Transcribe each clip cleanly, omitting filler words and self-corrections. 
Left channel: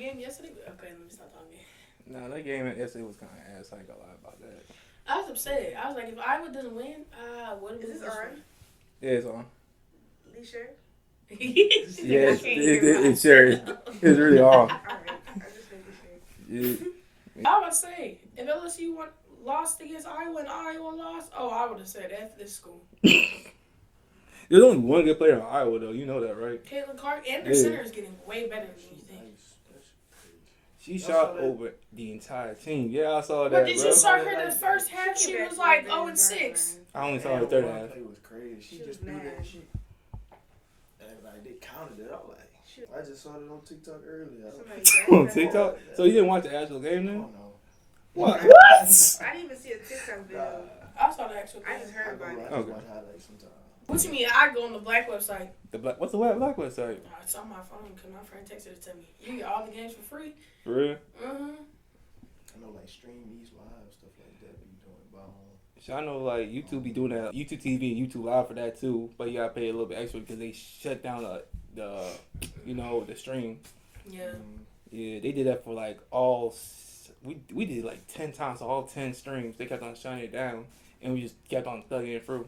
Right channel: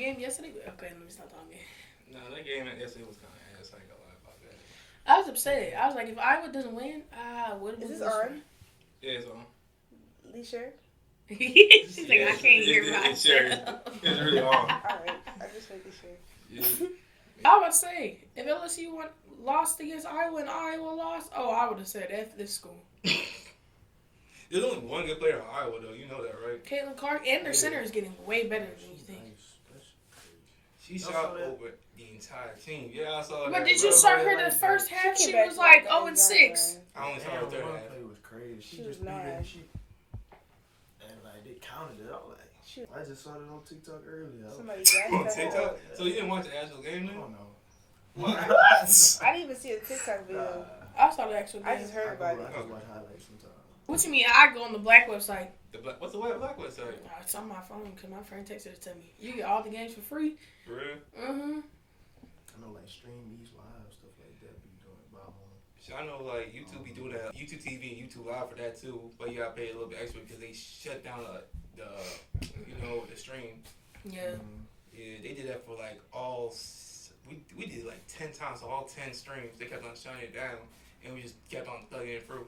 game yesterday? Okay, let me stop talking. No, that game yesterday was kind of ass. I ain't gonna lie about that. I was upset. I was like, if Iowa doesn't win, what is this on? Yeah, it's on. Lee sure? She's like, I can't hear myself. It's sure. It's really on. Alright, I just making sure. Yeah. I was about to say, if LSU lost against Iowa and Iowa lost, I would have said F this school. There's only one good player in Iowa, though. You know that, right? Caitlin Clark, and their center is getting way better than you think. She shot over the entire team. Yeah, I saw that. But did you saw her the first half? She was like 0-6. I only saw her third half. Play was crazy. She just threw that shit. And like they counted it. I was like, I just saw it on TikTok earlier. On TikTok? So you didn't watch the actual game then? Oh no. What? I didn't even see a TikTok video. I saw the actual game. I just heard about it. I just watch highlights sometimes. What you mean? I go on the black website. What's the black website? It's on my phone because my friend texted it to me. You get all the games for free. For real? Mm-hmm. I know like Stream East Live, stuff like that be doing about So I know like YouTube be doing that. YouTube TV and YouTube Live for that too. But you gotta pay a little bit extra because they shut down the stream. Yeah. Yeah, they did that for like we did like 10 times, all 10 streams. They kept on shutting it down and we just kept on plugging it through.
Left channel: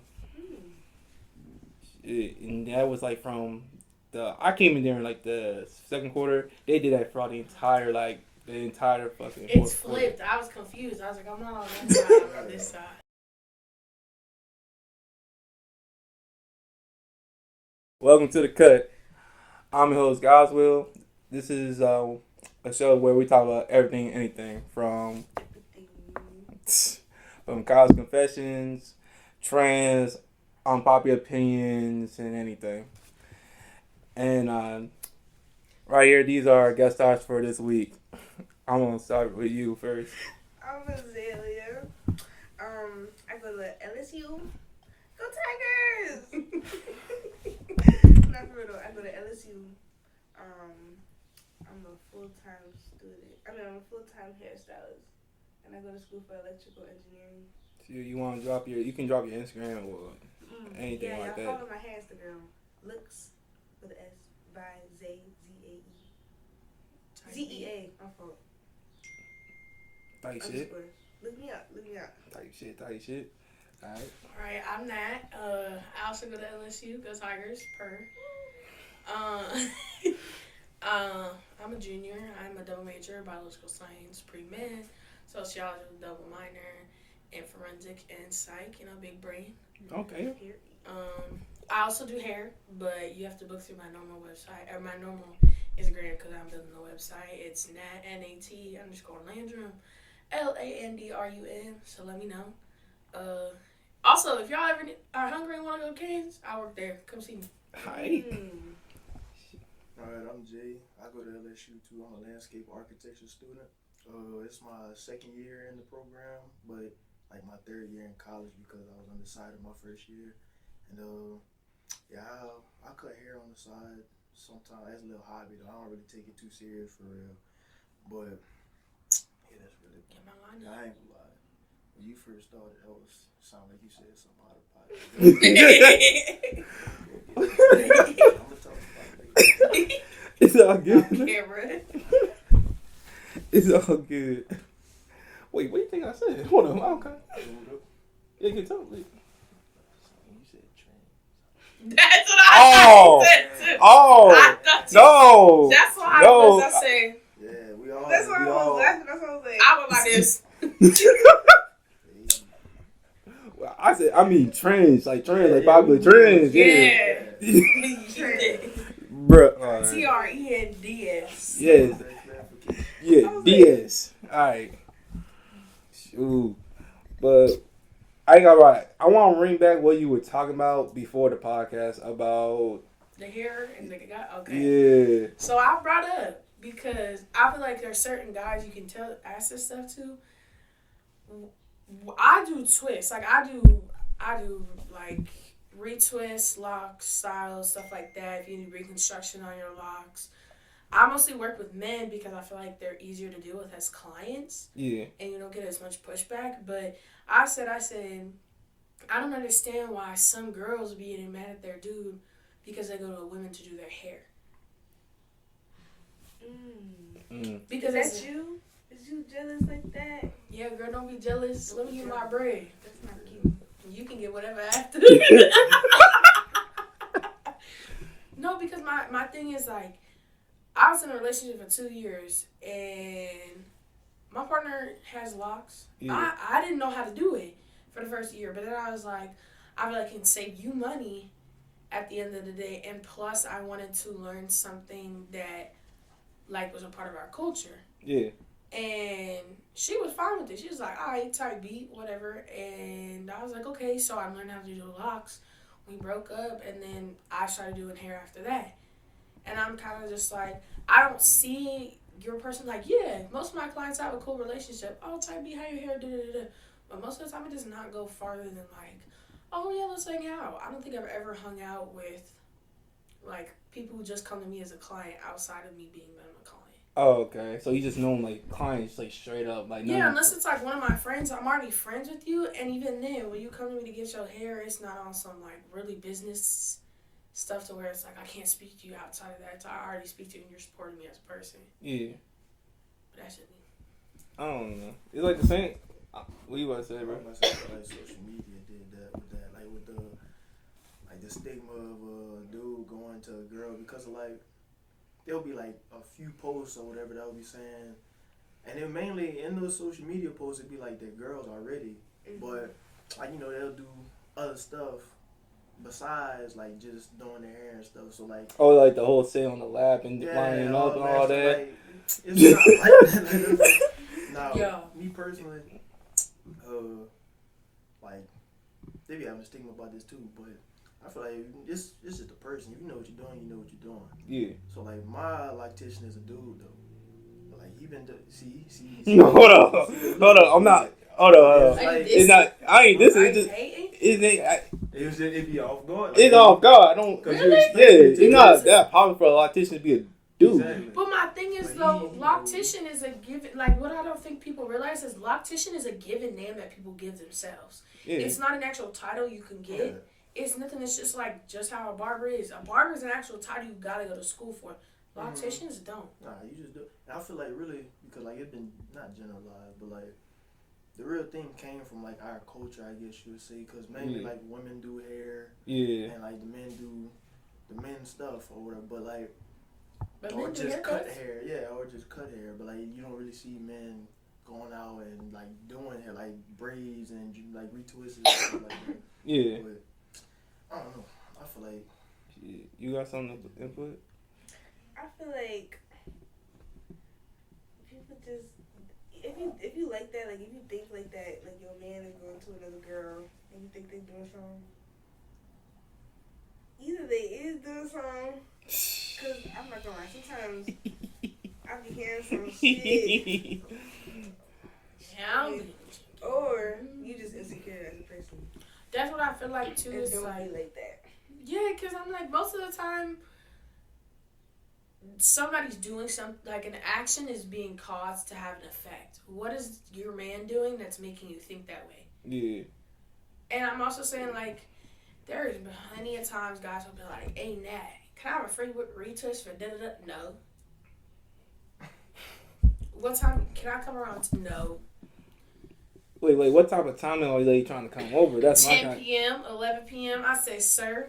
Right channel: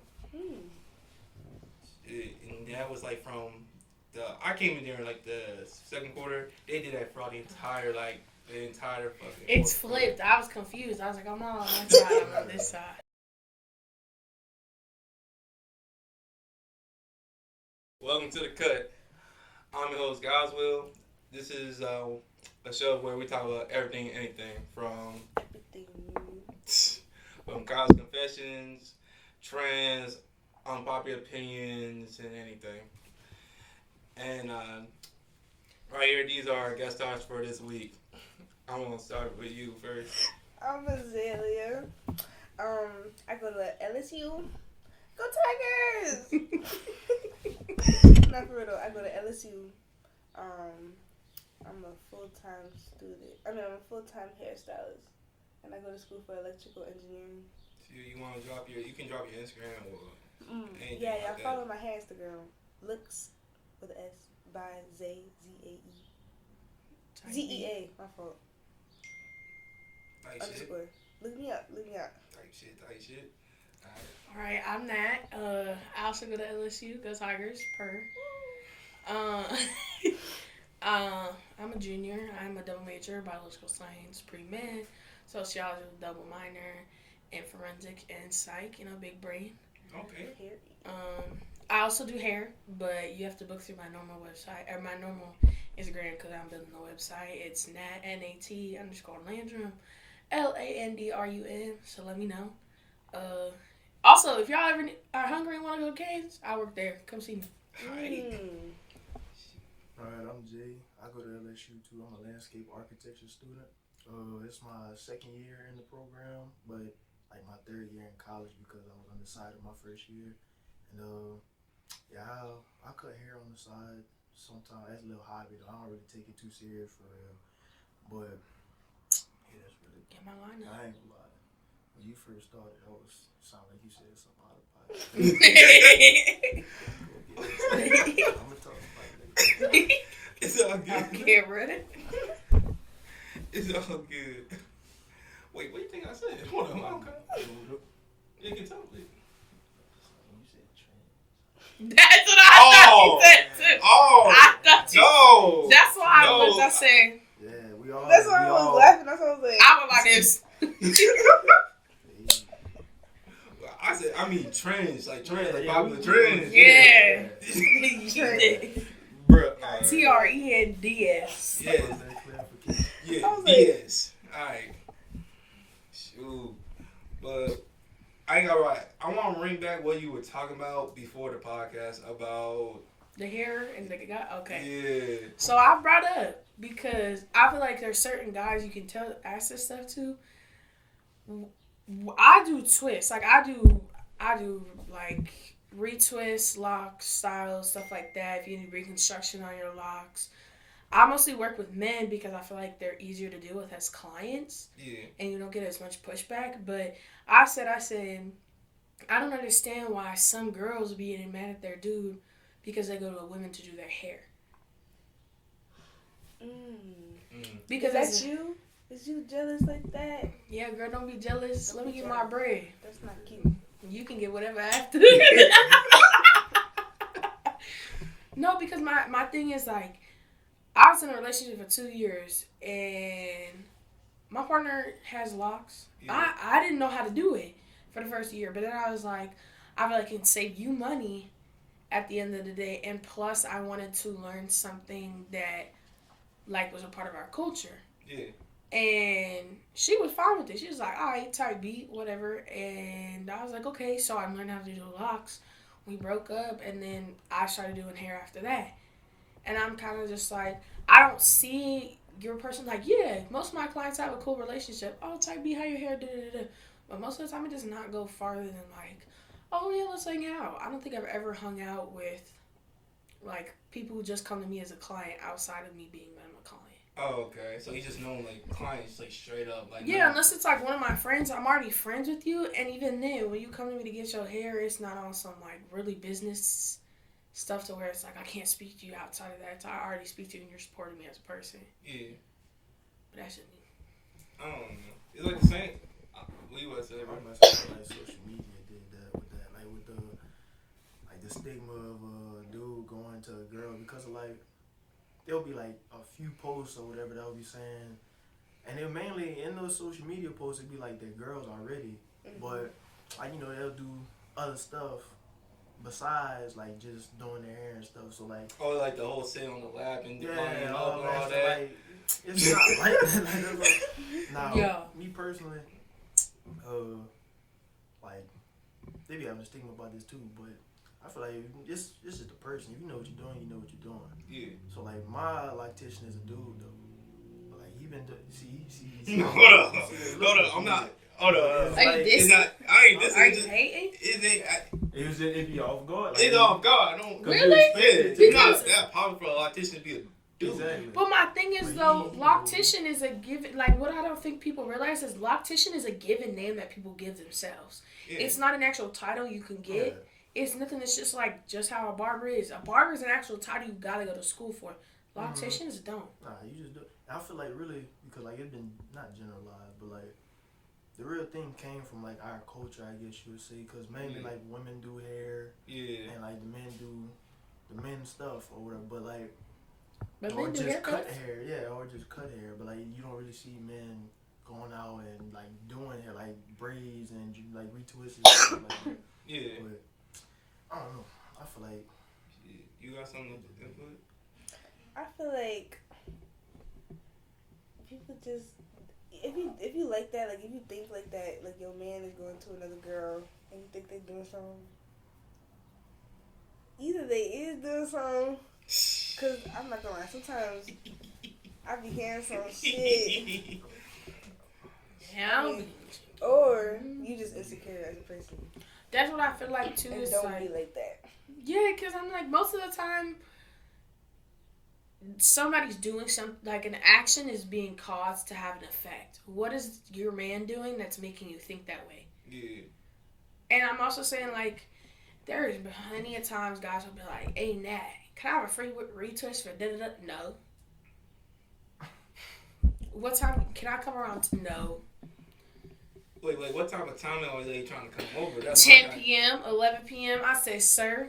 And that was like from I came in there in like the second quarter. They did that for all the entire fucking. It's flipped. I was confused. I was like, I'm not on that side. I'm on this side. Welcome to the cut. I'm your host, Goswell. This is a show where we talk about everything, anything from college confessions, trends, unpopular opinions, and anything. And right here, these are our guest stars for this week. I'm gonna start with you first. I'm Azalea. I go to LSU. Go Tigers! Not for real though. I go to LSU. I'm a full-time student. I'm a full-time hairstylist, and I go to school for electrical engineering. So you want to drop you can drop your Instagram or anything like that. Yeah, follow my hair Instagram. Looks with an S by Z-A-E. Z-E-A. My fault. Tight shit. Look me up. Tight shit. Alright, I'm Nat. I also go to LSU. Go Tigers. I'm a junior. I'm a double major, biological science, pre-med, sociology with double minor, and forensic and psych. Big brain. Okay. I also do hair, but you have to book through my normal website or my normal Instagram because I'm building the website. It's Nat_Landrum, LANDRUM. So let me know. Also, if y'all ever are hungry and want to go to Canes, I work there. Come see me. Alright, I'm Jay. I go to LSU too. I'm a landscape architecture student. It's my second year in the program, but like my third year in college because I was undecided my first year. And I cut hair on the side sometimes as a little hobby though. I don't really take it too serious for real. But yeah, that's really Get my line up. I ain't gonna lie. When you first started, that was sound like you said something out of pocket. I'm gonna talk about it. It's all good. Get ready. It's all good. Wait, what do you think I said? Hold on, okay. You can tell me. That's what I thought he said too. Oh, I thought you, no. That's why I said. Yeah, we all. That's why I was laughing. That's what I was like. I was like this. I mean trends, like popular trends. Yeah. Bruh. TRENDS. Yes. Yeah, DS. Alright. Shoot. But I ain't gonna lie. I want to bring back what you were talking about before the podcast about the hair and the guy. Okay. Yeah. So I brought up because I feel like there's certain guys you can ask this stuff to. I do twists. Like I do like retwists, locks, styles, stuff like that. If you need reconstruction on your locks. I mostly work with men because I feel like they're easier to deal with as clients. Yeah. And you don't get as much pushback. But I said, I don't understand why some girls be getting mad at their dude because they go to women to do their hair. Because Is that you? Is you jealous like that? Yeah, girl, don't be jealous. Let me get my bread. That's not cute. You can get whatever after. No, because my thing is like, I was in a relationship for 2 years and my partner has locks. Yeah. I didn't know how to do it for the first year, but then I was like, I feel like it can save you money at the end of the day, and plus I wanted to learn something that like was a part of our culture. Yeah. And she was fine with it. She was like, all right, type beat, whatever. And I was like, okay. So I learned how to do locks. We broke up, and then I started doing hair after that. And I'm kind of just like, I don't see your person like, yeah, most of my clients have a cool relationship. Oh, type beat, how your hair, da-da-da-da. But most of the time, it does not go farther than like, oh, yeah, let's hang out. I don't think I've ever hung out with, like, people who just come to me as a client outside of me being them a client. Oh, okay. So you just know them like clients, like straight up, like yeah. Unless it's like one of my friends, I'm already friends with you, and even then, when you come to me to get your hair, it's not on some like really business stuff to where it's like I can't speak to you outside of that. I already speak to you, and you're supporting me as a person. Yeah. But that's just me. I don't know. It's like the same. What you about to say, bro? I must say, like social media did that with that, like with the stigma of a dude going to a girl because of like. There'll be like a few posts or whatever that will be saying, and then mainly in those social media posts it'd be like they're girls already, but like they'll do other stuff besides like just doing their hair and stuff. So like like the whole sit on the lap and lining up and all that. Like, it's not like that. Now, yeah. Me personally, like they be having a stigma about this too, but. I feel like this is the person. If you know what you're doing, you know what you're doing. Yeah. So like my loctician is a dude though. But like he been see. No, hold up. I'm not. Hold up. Are you It's not. I ain't this. Are It's you just. hating? It be off guard. It's off guard. I don't. Really? Yeah. It's not that popular for a loctician to be a dude. Exactly. But my thing is though, loctician is a given. Like what I don't think people realize is loctician is a given name that people give themselves. Yeah. It's not an actual title you can get. Yeah. It's nothing that's just like just how a barber is. A barber is an actual title you gotta go to school for. Locticians don't. Nah, you just do. I feel like really because like it's been not generalized, but like the real thing came from like our culture, I guess you would say, because mainly like women do hair, and like the men do the men stuff or whatever, but like or just cut hair, or just cut hair, but like you don't really see men going out and like doing hair like braids and like retwists and stuff like that. Yeah. But, I don't know. I feel like you got something to input? I feel like people just if you like that, like if you think like that, like your man is going to another girl and you think they doing something, either they is doing something. Cause I'm not gonna lie, sometimes I be hearing some shit. Yeah. Or you just insecure as a person. That's what I feel like too. And It's don't like, be like that. yeah, because I'm like, most of the time, somebody's doing something, like an action is being caused to have an effect. What is your man doing that's making you think that way? Yeah. And I'm also saying, like, there's plenty of times guys will be like, hey, Nat, can I have a free retwist for da-da-da? No. What time, can I come around to no? Wait, what type of timing are they trying to come over? That's 10 p.m., 11 p.m. I said, sir,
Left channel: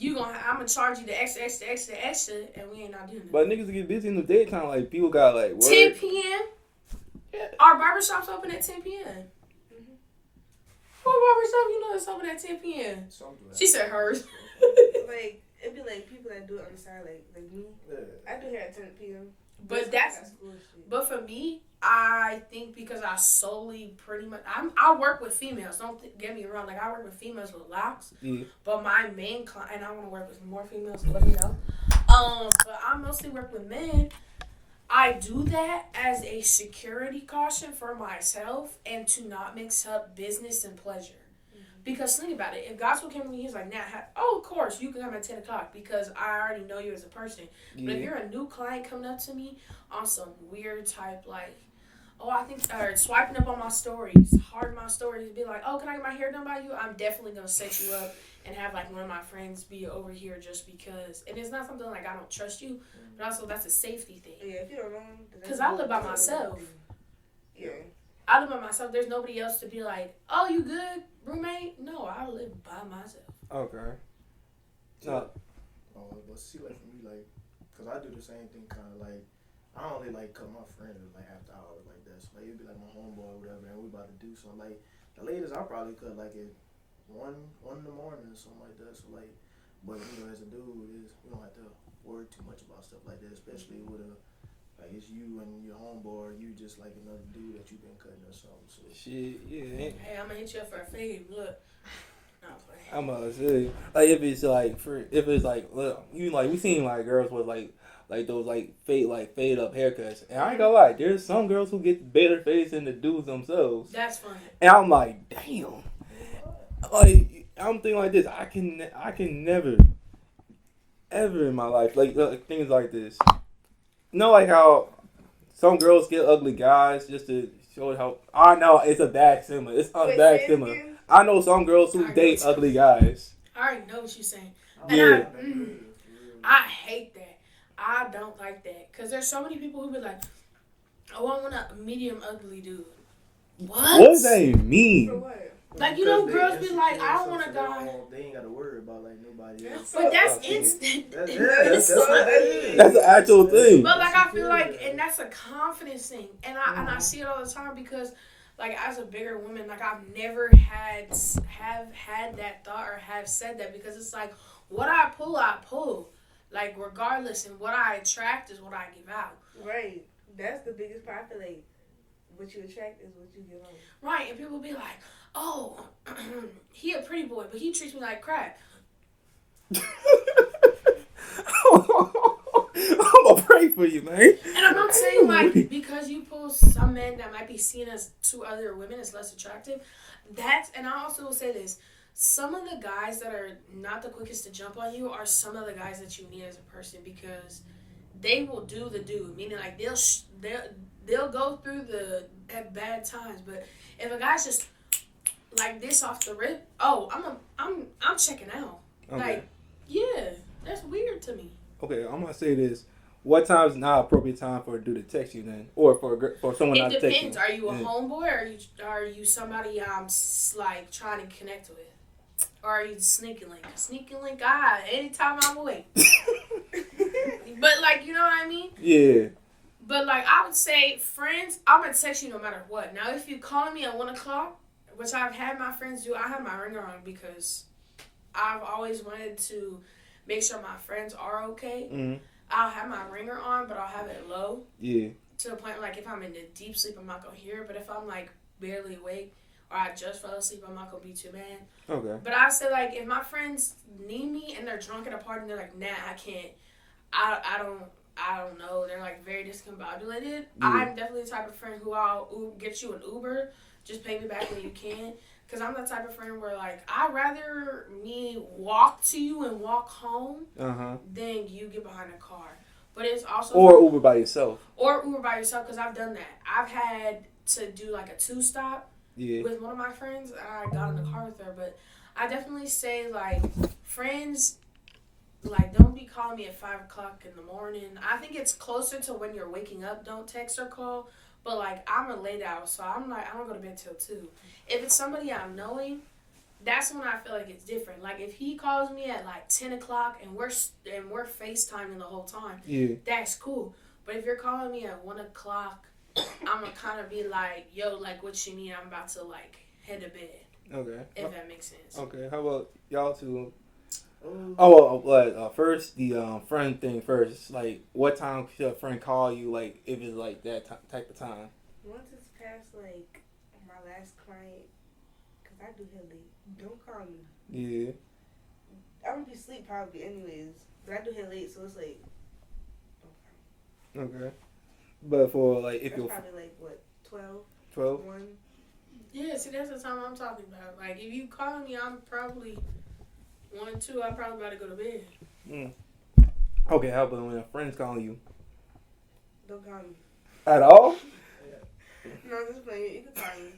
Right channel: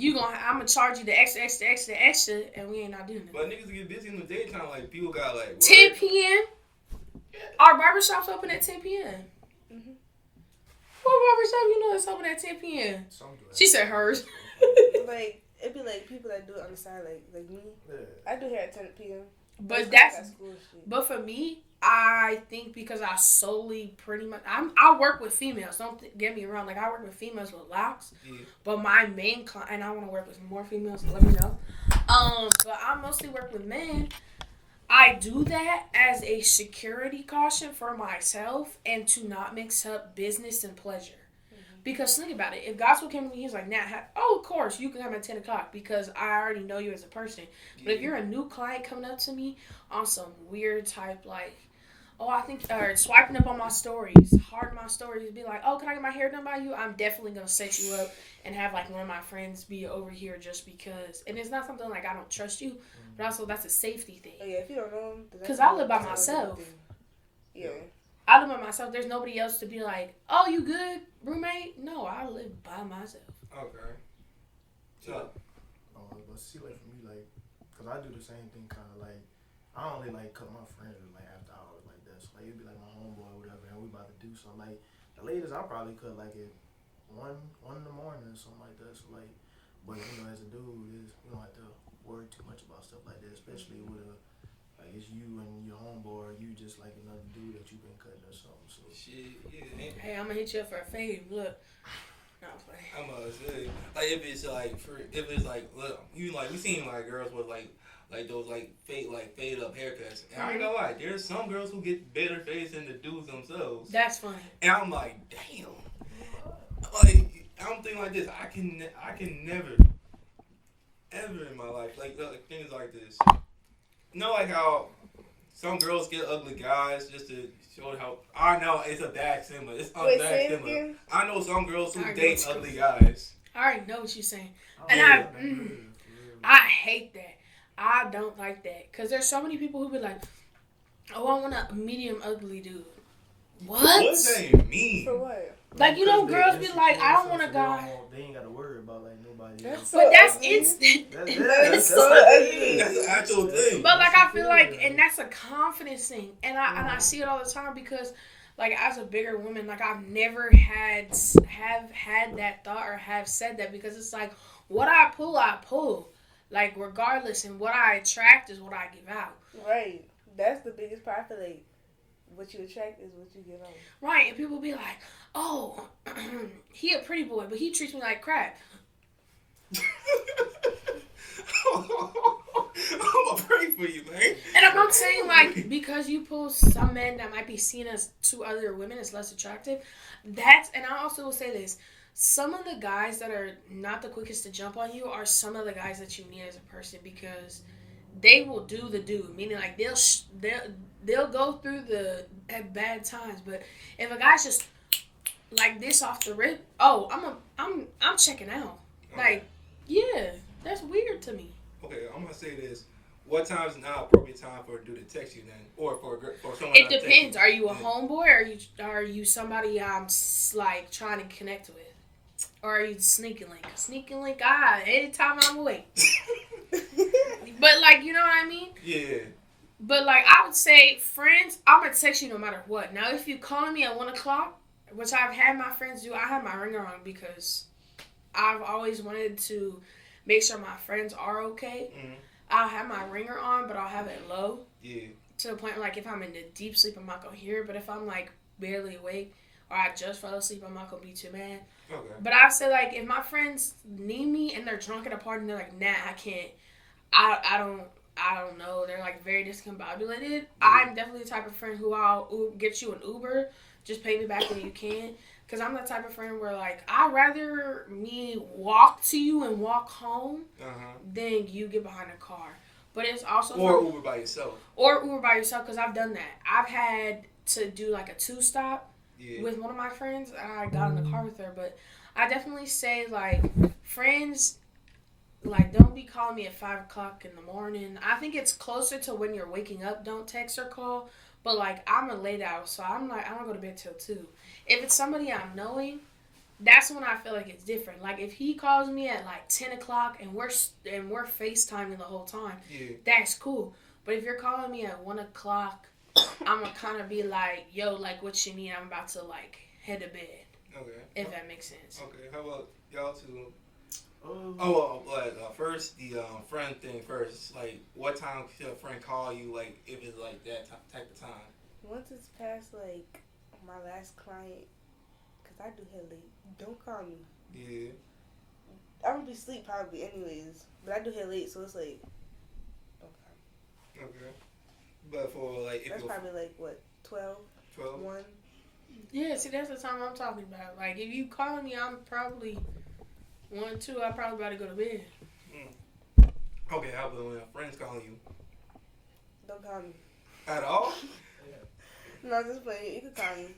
I'm going to charge you the extra, and we ain't not doing it. But niggas get busy in the daytime. Like, people got, like, work. 10 p.m.? Yeah. Our barbershops open at 10 p.m. Mm-hmm. What barbershop you know is open at 10 p.m.? She said hers. Like, it'd be like people that do it on the side, like me. yeah. I do hair at 10 p.m. But bullshit. But for me, I think because I solely pretty much I work with females. Don't get me wrong. Like I work with females with locks. Yeah. But my main client, and I want to work with more females. So let me know. But I mostly work with men. I do that as a security caution for myself and to not mix up business and pleasure. Because think about it. If Gospel came to me, he's like, Nat, of course, you can come at 10 o'clock because I already know you as a person. Yeah. But if you're a new client coming up to me on some weird type, like, oh, I think, or swiping up on my stories, hearting my stories, be like, oh, can I get my hair done by you? I'm definitely gonna set you up and have like one of my friends be over here just because. And it's not something like I don't trust you, but also that's a safety thing. Yeah, if you don't know him, because I live by myself. Yeah. I live by myself. There's nobody else to be like, oh, you good, roommate? No, I live by myself. Okay. But see, like for me, like, cause I do the same thing, kind of like, I only like cut my friends like after hours like that. So like it'd be like my homeboy or whatever, and we about to do something. Like the latest I probably cut like at 1 in the morning or something like that. So like, but you know, as a dude, is you don't have to worry too much about stuff like that, especially with a like it's you and your homeboy, or you just like another dude that you've been cutting or something. So Shit, yeah. Hey, I'm gonna hit you up for a fade. Look. No, I'm gonna say, like if it's like look, you like we seen like girls with like those like fade up haircuts, and I ain't gonna lie, there's some girls who get better fades than the dudes themselves. That's funny. And I'm like, damn, like I'm thinking like this, I can never, ever in my life like things like this. You know, like how some girls get ugly guys just to show how. I know it's a bad similar. It's a bad similar. I know some girls who date ugly guys. I already know what you're saying. Yeah. And I hate that. I don't like that. Because there's so many people who be like, oh, I want a medium ugly dude. What? What does that mean? For what? Like, you know, girls be like, I don't want a guy. They ain't got to worry about like nobody else. But that's instant. That's an actual thing. But like I feel like, and that's a confidence thing, and I see it all the time because, like as a bigger woman, like I've never have had that thought or have said that because it's like what I pull, like regardless, and what I attract is what I give out. Right, that's the biggest part. I feel like what you attract is what you give out. Right, and people be like, oh, he a pretty boy, but he treats me like crap. I'm gonna pray for you, man. And I'm not saying like because you pull some men that might be seen as to other women as less attractive. And I also will say this: some of the guys that are not the quickest to jump on you are some of the guys that you need as a person because they will do the do. Meaning like they'll go through the at bad times, but if a guy's just like this off the rip, oh, I'm checking out. Okay. Like, yeah, that's weird to me. Okay, I'm gonna say this. What time is not appropriate time for a dude to text you then, or for someone It not to text you? depends. Are you a homeboy, or are you somebody I'm like trying to connect with, or are you sneaking link? Sneaking link, anytime I'm awake. But like, you know what I mean? Yeah. But like, I would say friends, I'm gonna text you no matter what. Now, if you calling me at 1:00, which I've had my friends do, I have my ringer on because I've always wanted to make sure my friends are okay. Mm-hmm. I'll have my ringer on, but I'll have it low. Yeah. To the point, like, if I'm in the deep sleep, I'm not going to hear it. But if I'm, like, barely awake or I just fell asleep, I'm not going to be too mad. Okay. But I say, like, if my friends need me and they're drunk at a party and they're like, nah, I can't. I don't know. They're, like, very discombobulated. Yeah. I'm definitely the type of friend who I'll get you an Uber. Just pay me back when you can. Because I'm the type of friend where, like, I'd rather me walk to you and walk home than you get behind a car. But it's also... Or Uber by yourself. Or Uber by yourself, because I've done that. I've had to do, like, a 2-stop with one of my friends. I got in the car with her. But I definitely say, like, friends, like, don't be calling me at 5 o'clock in the morning. I think it's closer to when you're waking up. Don't text or call. But, like, I'm a late out, so I'm like, I don't go to bed till 2. If it's somebody I'm knowing, that's when I feel like it's different. Like, if he calls me at, like, 10 o'clock and we're FaceTiming the whole time, that's cool. But if you're calling me at 1 o'clock, I'm going to kind of be like, yo, like, what you need? I'm about to, like, head to bed. Okay. If that makes sense. Okay. How about y'all two? First, the friend thing first. Like, what time should a friend call you, like, if it's, like, that type of time? Once it's past, like, my last client, because I do head late, don't call me. Yeah. I'm going to be asleep probably anyways, but I do head late, so it's like, don't call me. Okay. But for, like, if that's probably, like, what, 12? 12? 1? Yeah, see, that's the time I'm talking about. Like, if you call me, I'm probably... 1, 2, I probably about to go to bed. Okay, how about when a friend's calling you? Don't call me. At all? No, I'm just playing. You can call me.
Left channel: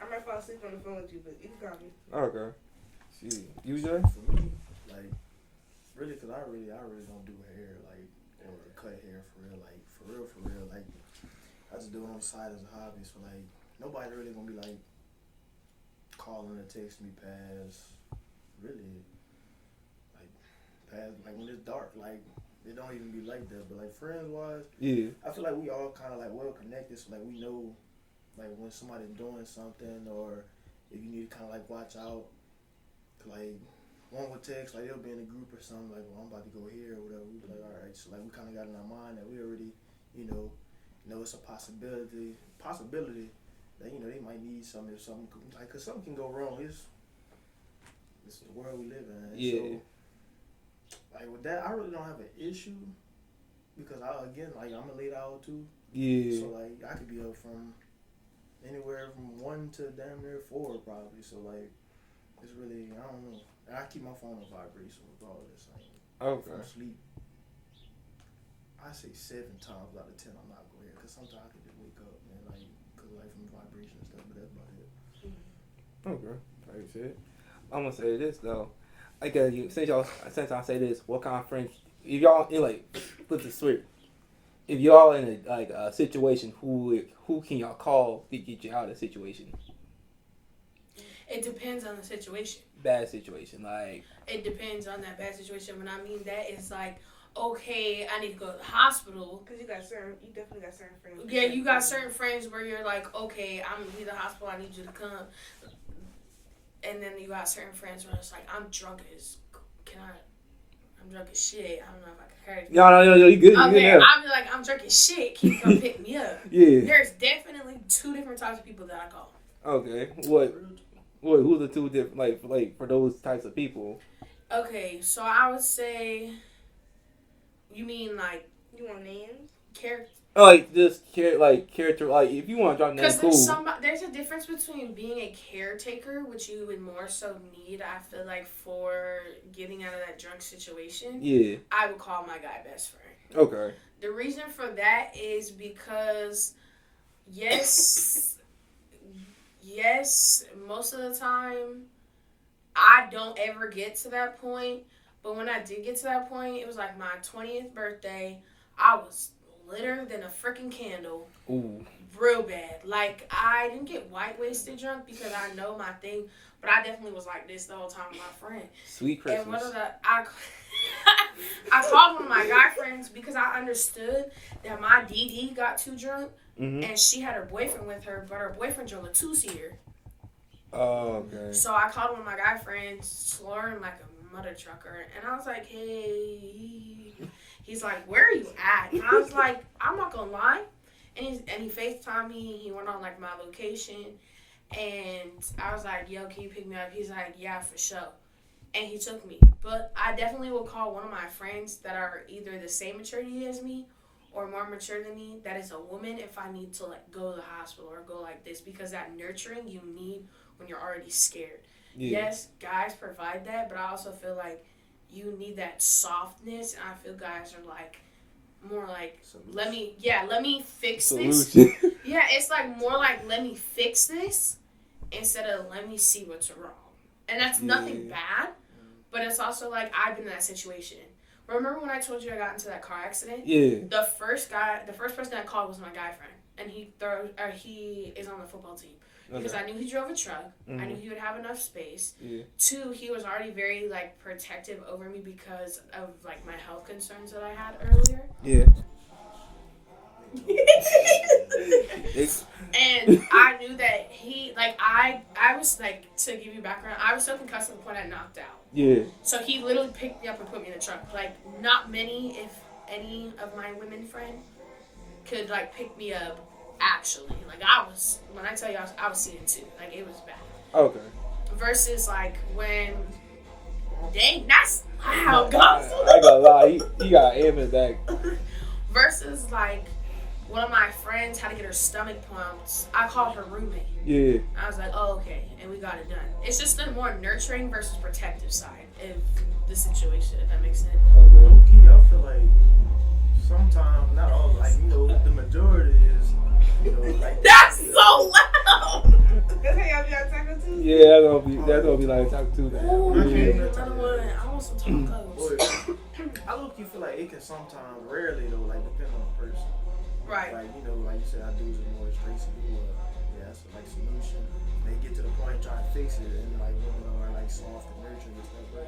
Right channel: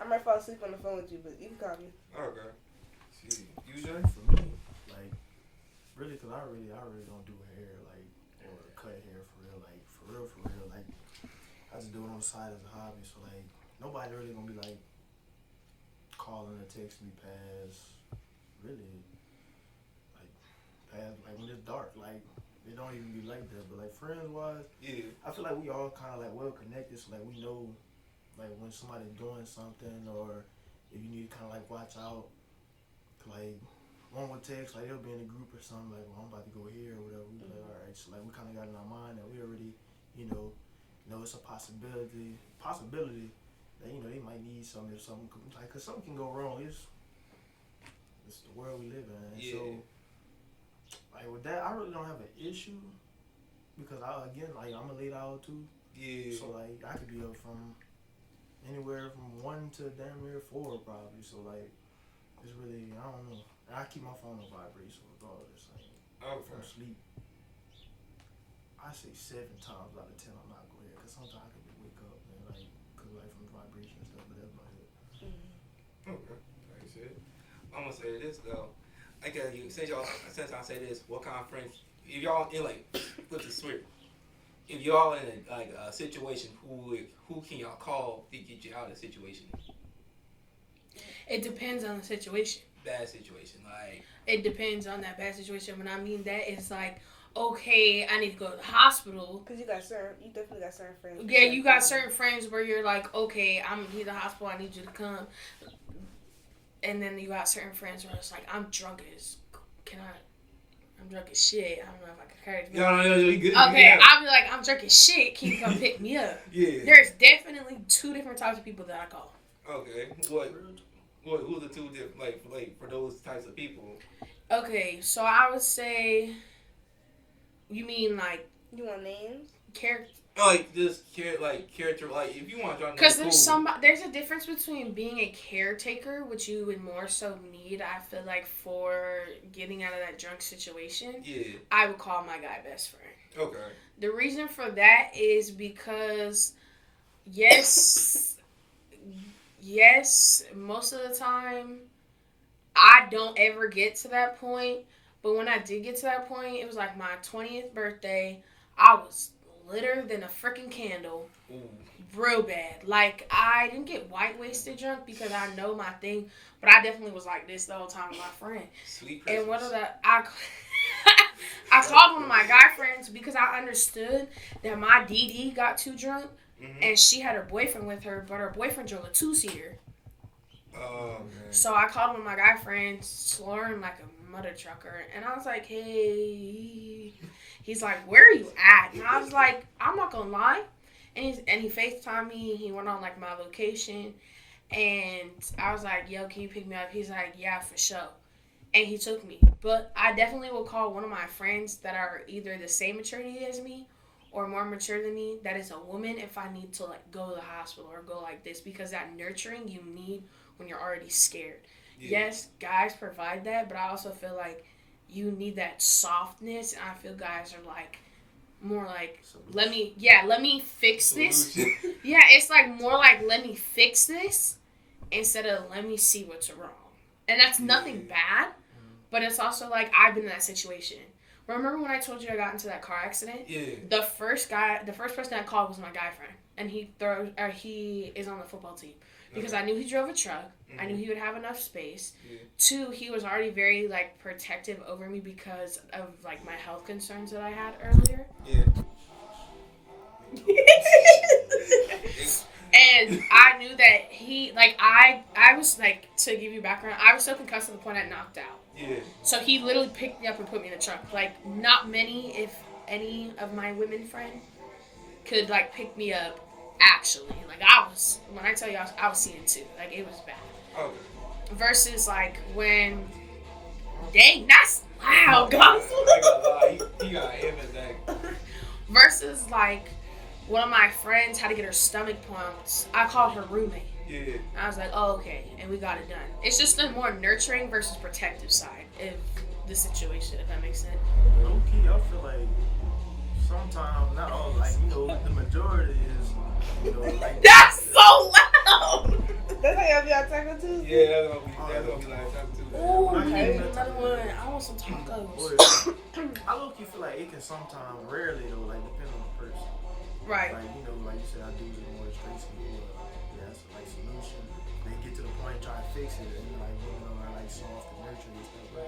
I might fall asleep on the phone with you, but you can call me. Okay. See, you Jay? For me, like, really, because I really don't do hair, like, or cut hair for real, like, for real, like, I just do it on the side as a hobby, so, like, nobody really gonna be, like, calling or texting me past, really, like, when it's dark, like, it don't even be like that, but, like, friends-wise, Yeah. I feel like we all kind of, like, well-connected, so, like, we know, like, when somebody's doing something, or if you need to kind of, like, watch out, like, one would text, like, they'll be in a group or something, like, well, I'm about to go here or whatever. We be like, all right. So, like, we kind of got in our mind that we already, know it's a possibility that, they might need something if something, like, because something can go wrong. It's the world we live in. Yeah. So, like, with that, I really don't have an issue because, like, I'm a late owl, too. Yeah. So, like, I could be up from anywhere from 1 to damn near 4, probably. So, like, it's really, I don't know. I keep my phone on vibrate, so with all this, like, Okay. from sleep, I say 7 times out of 10 I'm not going to hear, because sometimes I can just wake up and, like, cause, like, from vibration and stuff, but that's about it. Okay. Like you said. I'm gonna say this though. Like since I say this, what kind of friends? If y'all in like, flip the switch. If y'all in a situation, who can y'all call to get you out of the situation? It depends on the situation. Bad situation, like. It depends on that bad situation. When I mean that, it's like, okay, I need to go to the hospital. Because you definitely got certain friends. Yeah, you got certain friends where you're like, okay, I'm in the hospital, I need you to come. And then you got certain friends where it's like, I'm drunk as shit. I don't know if I can carry it. No, you good. Okay, you I'll be like, I'm drunk as shit. Can you come pick me up? Yeah. There's definitely 2 different types of people that I call. Okay. What? Who's the 2 different, like for those types of people? Okay, so I would say, you mean like, you want names? Character. Like character, like if you want to drop names, because there's a difference between being a caretaker, which you would more so need, I feel like, for getting out of that drunk situation. Yeah. I would call my guy best friend. Okay. The reason for that is because, yes, most of the time, I don't ever get to that point. But when I did get to that point, it was like my 20th birthday. I was litter than a freaking candle. Ooh. Real bad. Like, I didn't get white wasted drunk because I know my thing, but I definitely was like this the whole time with my friend. Sweet Christmas. And one of I called one of my guy friends because I understood that my DD got too drunk, and she had her boyfriend with her, but her boyfriend drove a 2-seater. Oh, okay. So I called one of my guy friends, slurring like a mother trucker, and I was like, hey. He's like, where are you at? And I was like, I'm not gonna lie. And he FaceTimed me. He went on like my location, and I was like, yo, can you pick me up? He's like, yeah, for sure. And he took me. But I definitely will call one of my friends that are either the same maturity as me or more mature than me, that is a woman, if I need to like go to the hospital or go like this, because that nurturing you need when you're already scared. Yeah. Yes, guys provide that, but I also feel like you need that softness, and I feel guys are like more like, let me fix this. Yeah, it's like more like, let me fix this instead of let me see what's wrong. And that's nothing bad, but it's also like, I've been in that situation. Remember when I told you I got into that car accident? Yeah. The first person I called was my guy friend, and he is on the football team. Because I knew he drove a truck. I knew he would have enough space. Yeah. 2, he was already very, like, protective over me because of, like, my health concerns that I had earlier. Yeah. And I knew that he, like, I was, like, to give you background, I was so concussed to the point I knocked out. Yeah. So he literally picked me up and put me in the truck. Like, not many, if any, of my women friends could, like, pick me up. Actually, like, when I tell you I was seeing 2, like, it was bad. Okay. Versus, like, when, dang, that's loud, guys. I got a lot. He got aim in back. Versus, like, one of my friends had to get her stomach pumped. I called her roommate. Yeah. I was like, oh, okay, and we got it done. It's just the more nurturing versus protective side of the situation, if that makes sense. Low-key, I feel like sometimes, not all, like, the majority is You know, like That's so loud. That's how y'all be on Taco Tuesday? Yeah, that's gonna be like Taco Tuesday. Ooh, I okay, can't another one. I want some tacos. But I low key feel like it can sometimes, rarely though, like depend on the person. Right. Like, you know, like you said, I do it more straight to you. Yeah, that's like solution. They get to the point trying to fix it, and like women are like soft and nurturing and stuff. But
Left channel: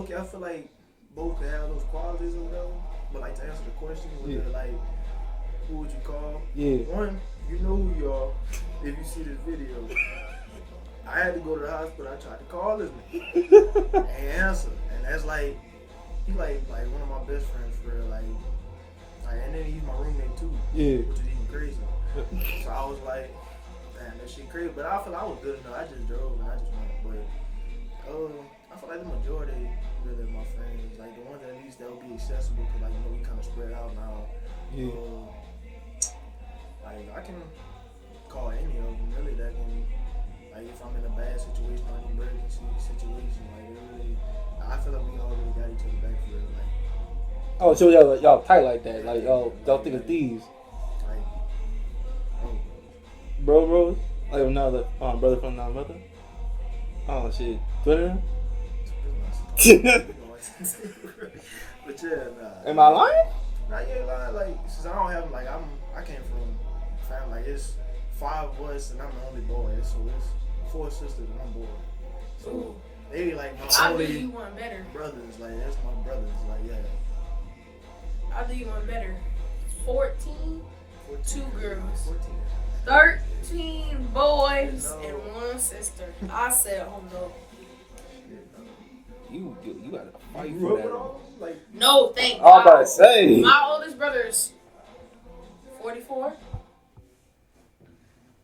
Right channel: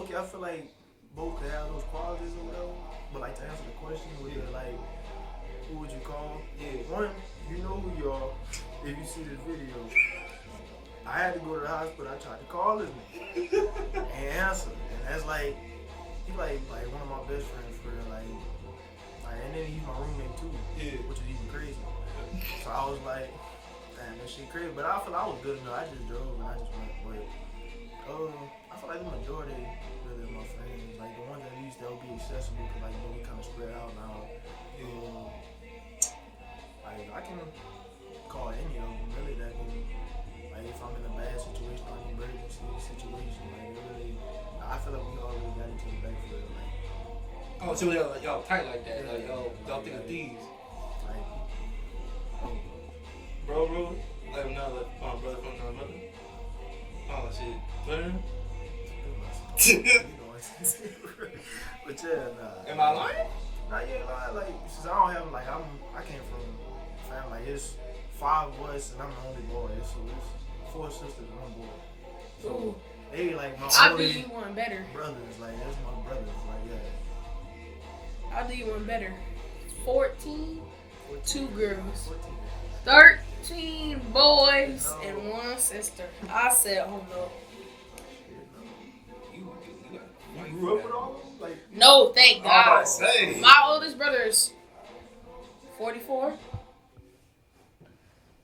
okay, I feel like both can have those qualities or whatever. But like to answer the question, like, who would you call? Yeah. One, you know who you are if you see this video. I had to go to the hospital. I tried to call his name and answer, and that's like he's like one of my best friends for real, like, and then he's my roommate too, which is even crazy. So I was like, damn, that shit crazy. But I feel like I was good enough. I just drove and I just went. But I feel like the majority really of my friends, like the ones at least that will be accessible, because like, you know, we kind of spread out now. Like I can call any of them really that can, like if I'm in a bad situation or an emergency situation, like it really, I feel like we all really got each other back for real. Like, oh, so y'all tight like that? Like y'all think of thieves? Like, oh, Bro, like another brother from another mother. Oh shit, Twitter. But yeah, nah. Am I lying? Nah, yeah, like since I don't have like I came from family, like it's 5 of us and I'm the only boy, so it's 4 sisters and 1 boy. So they like my I'll do only you one better. brothers, like that's my brothers, like yeah. I'll do you one better. 14, 2 girls. 14. 13 boys and 1 sister. I said, hold up. You gotta fight You for grew up that. with all them? Like, No, thank I was about God. to say. My oldest brother is 44.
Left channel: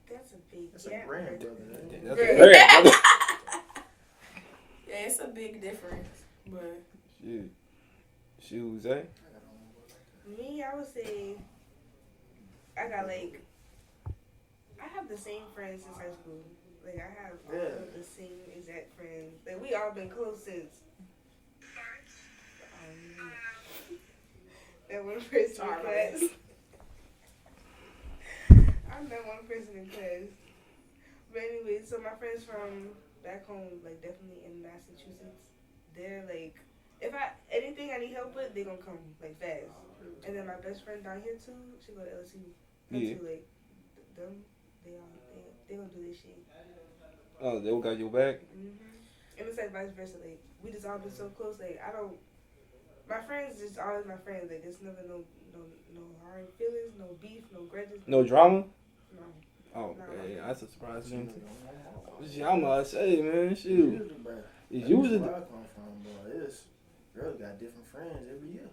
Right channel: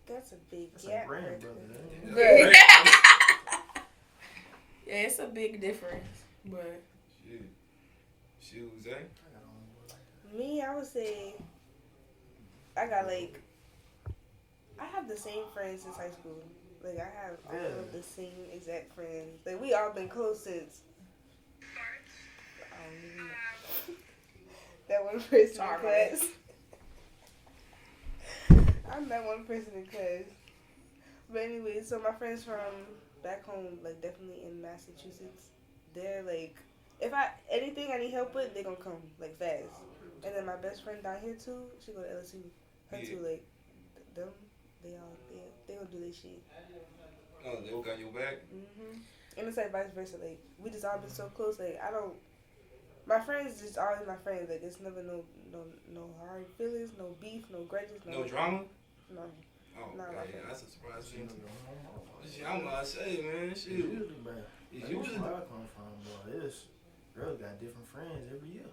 That's a big that's gap. a grandbrother, ain't it? That's a great brother. Yeah, it's a big difference. But Shoes, eh? Me, I would say I got like I have the same friends since high school. Like I have all of the same exact friends. Like we all been close since that one person in class. I'm that one person in class. But anyway, so my friends from back home, like definitely in Massachusetts, they're like, if anything I need help with, they gonna come like fast. And then my best friend down here too, she go to LSU. Her too, like them, they gonna do this shit. Oh, they all got your back. And it's like vice versa. Like we just all been so close. Like I don't. My friends just always my friends. Like it's never no hard feelings, no beef, no grudges. No drama? No. Oh, No. yeah, that's a surprise to me. I'm gonna say, man, shoot. It's Usually usually where I come from, boy. It's girls got different friends every year.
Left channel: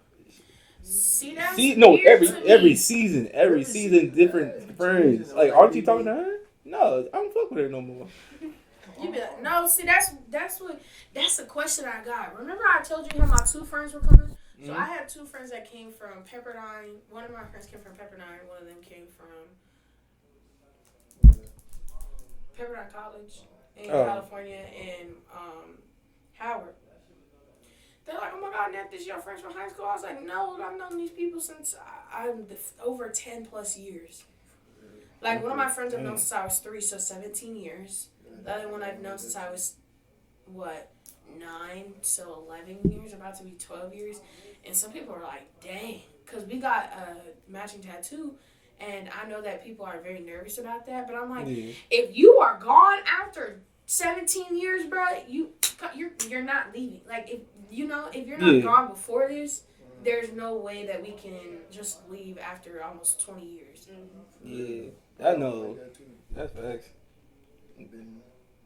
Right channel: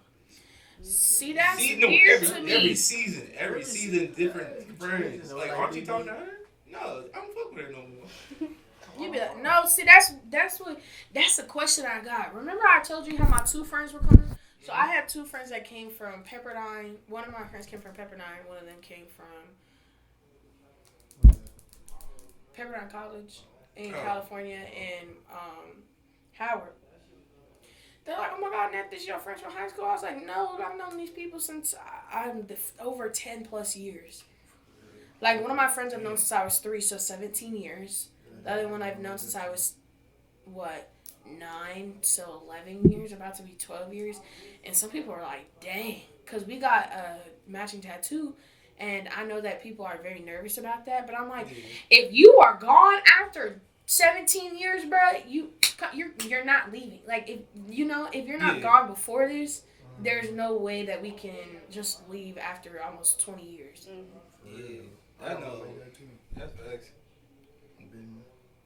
see, that's no, weird to me. every season, different friends. season, Like, like, aren't you they talking be- to her? No, I don't fuck with her no more. You be like, no, see, that's a question I got. Remember I told you how my 2 friends were coming? So I had 2 friends that came from Pepperdine. One of my friends came from Pepperdine. One of them came from Pepperdine College in California and Howard. They're like, oh my God, Nat, this your friends from high school? I was like, no, I've known these people since I'm over 10 plus years. Like, one of my friends I've known since I was 3, so 17 years. The other one I've known since I was, 9, so 11 years, about to be 12 years. And some people are like, dang, because we got a matching tattoo. And I know that people are very nervous about that, but I'm like, if you are gone after 17 years, bro, you're not leaving. Like, if you're not gone before this, there's no way that we can just leave after almost 20 years. Yeah, I know. That's facts. Been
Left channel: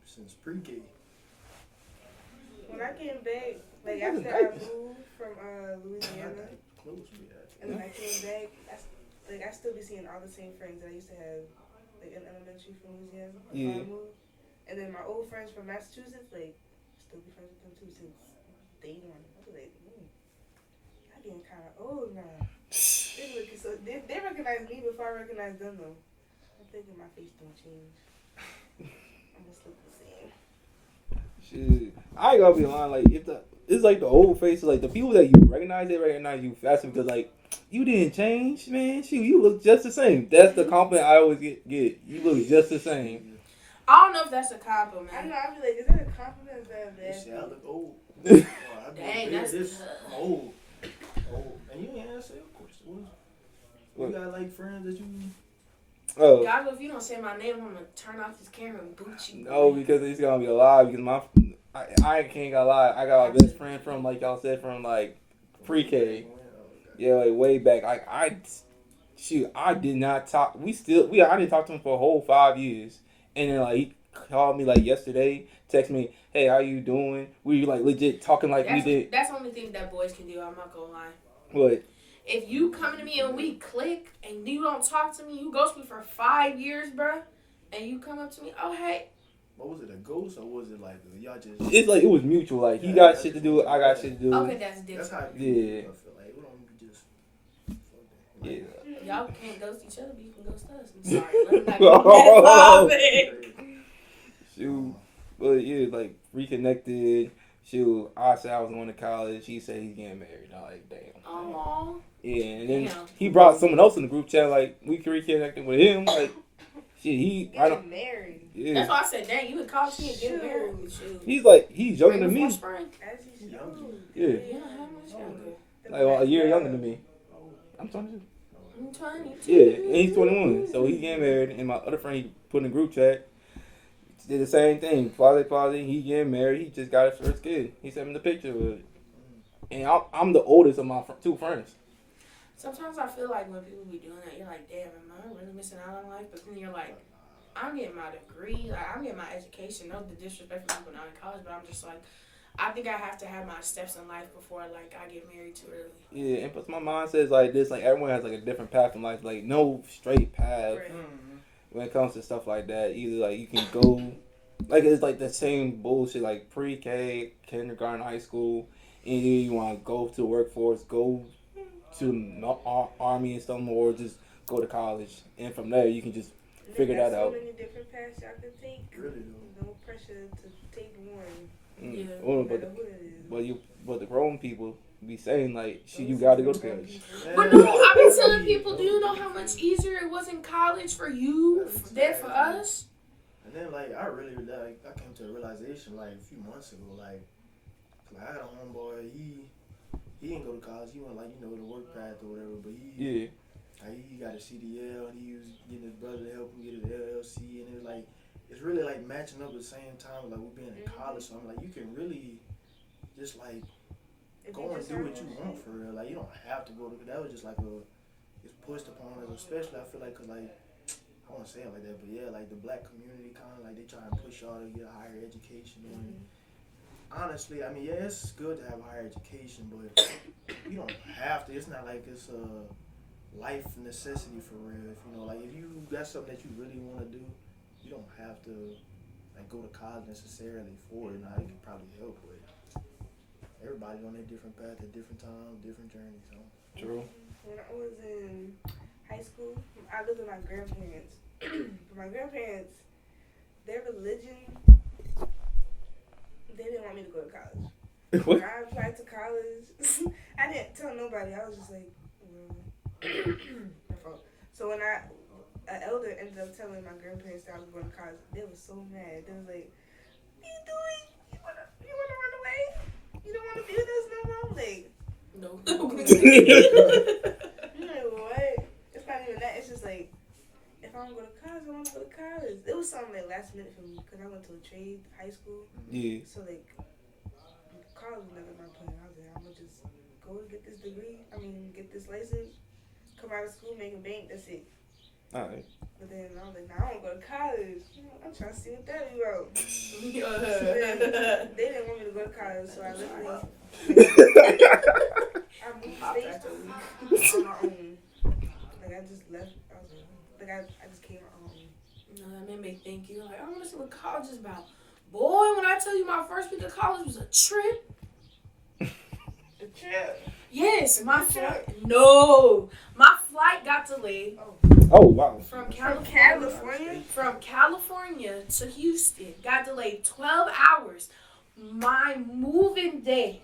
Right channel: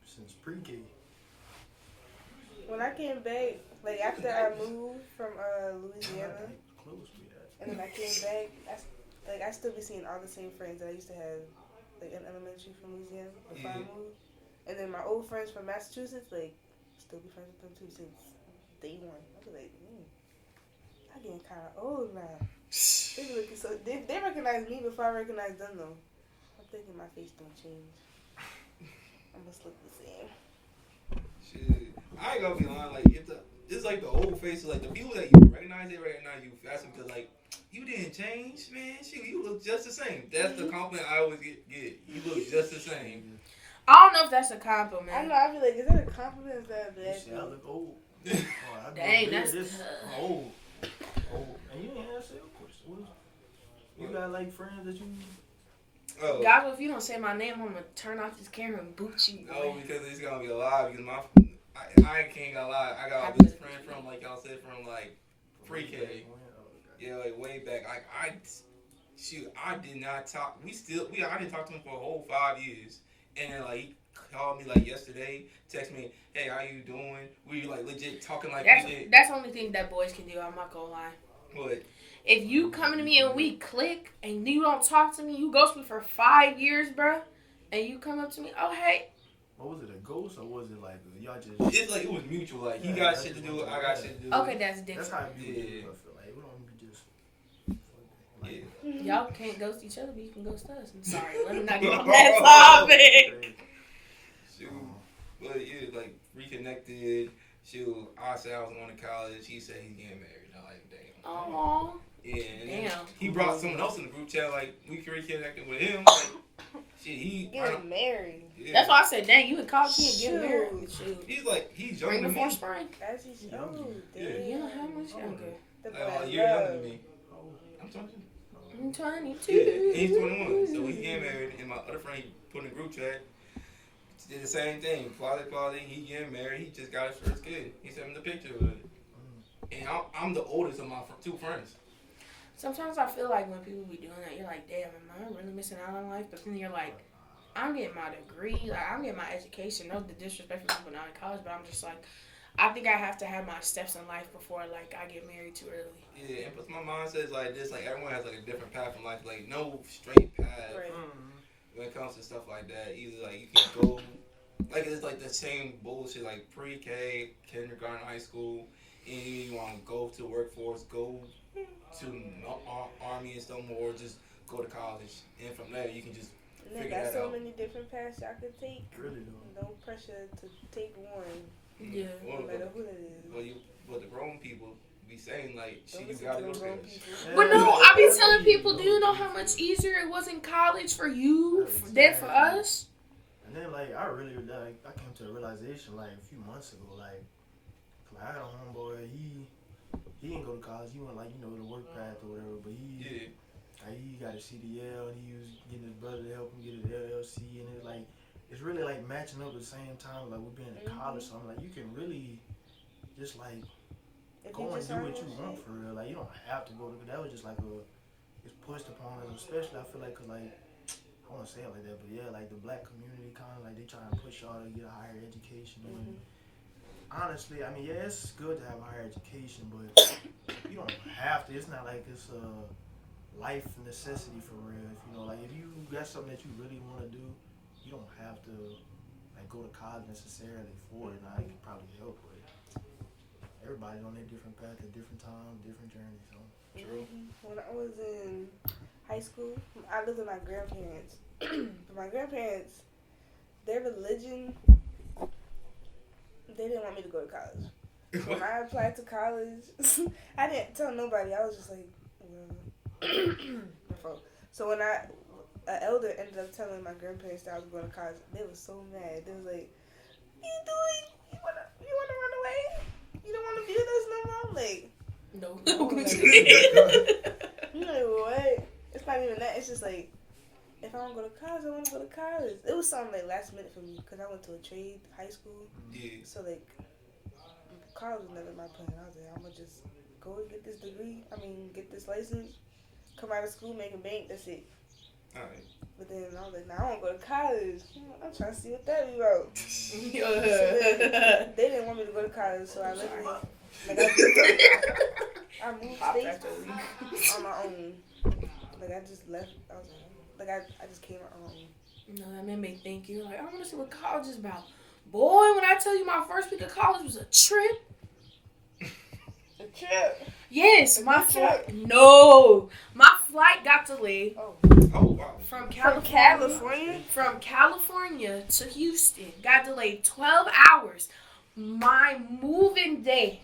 since pre-K. When I came back, like after I moved from Louisiana, and then I came back, I still be seeing all the same friends that I used to have, like in elementary from Louisiana before I moved. And then my old friends from Massachusetts, like, still be friends with them too since day 1. I was like, I'm getting kind of old now. They looking so they recognize me before I recognize them though. I'm thinking my face don't change. I just look the same. Shit. I ain't gonna be lying. Like, it's like the old faces. Like, the people that you recognize, they recognize you faster because, like, you didn't change, man. Shoot, you look just the same. That's the compliment I always get. You look just the same. I don't know if that's a compliment. I know. I be like, is that a compliment? Is that a bad Shit, I look old. Dang, that's I'm old. And you ain't answer your question. You got like friends that you? Oh. Guys, if you don't say my name, I'm gonna turn off this camera and boot you. No, because it's gonna be a lie. Because I can't gonna lie. I got my best friend from, like y'all said, from like pre-K. Yeah, like way back. I did not talk. I didn't talk to him for a whole 5 years, and then like he called me like yesterday, text me, "Hey, how you doing?" We like legit talking like we did. That's the only thing that boys can do. I'm not gonna lie. What? If you come to me and we click and you don't talk to me, you ghost me for 5 years, bruh, and you come up to me, oh hey. What was it, a ghost, or was it like y'all just? It's like it was mutual. Like he got shit to do, I got shit to do. Okay, that's different. That's how Yeah. I feel like we don't be just. Yeah. Y'all can't ghost each other, but you can ghost us. I'm sorry, let me not get on that topic. Shoot, but yeah, like reconnected. Shoot, I said I was going to college. He said he's getting married. I like, damn. Aww. Yeah, and then Damn. he brought someone else in the group chat. Like we reconnected with him. Like shit, getting married. Yeah. That's why I said, dang, you in college, you ain't getting married. Shoot. He's younger than me. Spring. As he's young. Yeah. Yeah, how much younger? Like a year younger than me. I'm 22. I'm 22. Yeah, and he's 21. So he's getting married. And my other friend he put in the group chat did the same thing. Father, he getting married. He just got his first kid. He sent me the picture with it. And I'm the oldest of my two friends. Sometimes I feel like when people be doing that, you're like, damn, am I really missing out on life? But then you're like, I'm getting my degree, like I'm getting my education. No disrespect for people not in college, but I'm just like, I think I have to have my steps in life before like I get married too early. Yeah, and plus my mind says like this, like everyone has like a different path in life, like no straight path Right. when it comes to stuff like that. Either like you can go, like it's like the same bullshit, like pre-K, kindergarten, high school, and you want to go to the workforce, go to the army and stuff, or just go to college, and from there you can just figure that out. So many different paths y'all can take. Really do. No pressure to take one. Yeah. No matter who it is. But the grown people be saying like, shit, you gotta go to college. But no, I be telling people, do you know how much easier it was in college for you than for us? And then like I came to a realization like a few months ago, like I had a homeboy, he didn't go to college, he went like, the work path or whatever, but he got a CDL and he was getting his brother to help him get his LLC, and it was like, it's really like matching up at the same time, like we're being in college, so I'm like, you can really just like go and do what you want for real, like you don't have to go to, that was just like it's pushed upon us, especially I feel like, cause like, I want to say it like that, but yeah, like the black community kind of like they try and push y'all to get a higher education, and honestly, I mean, yeah, it's good to have a higher education, but you don't have to. It's not like it's a life necessity for real. If you got something that you really want to do, you don't have to like go to college necessarily for it. Now, it can probably help, but everybody's on their different path at different times, different journeys. So. True. When I was in high school, I lived with my grandparents. But my grandparents, their religion, they didn't want me to go to college. When I applied to college, I didn't tell nobody. I was just like, well. So when an elder ended up telling my grandparents that I was going to college, they were so mad. They was like, what are you doing? You wanna run away? You don't want to do this no more? Like, No. you're like, what? It's not even that. It's just like, if I want to go to college, I want to go to college. It was something like last minute for me because I went to a trade high school. Yeah. So like, college was never my plan. I was like, I'm gonna just go and get this degree. Get this license, come out of school, make a bank. That's it. Alright. But then I was like, nah, I want to go to college. I'm trying to see what that is about. So then, they didn't want me to go to college, so I left. I moved states on my own. Like I just left. I was like, I just came on my own. No, that made me think. You're like, I want to see what college is about. Boy, when I tell you my first week of college was a trip. A trip? Yes, my flight. No, my flight got delayed. Oh wow. From California to Houston. Got delayed 12 hours. My moving day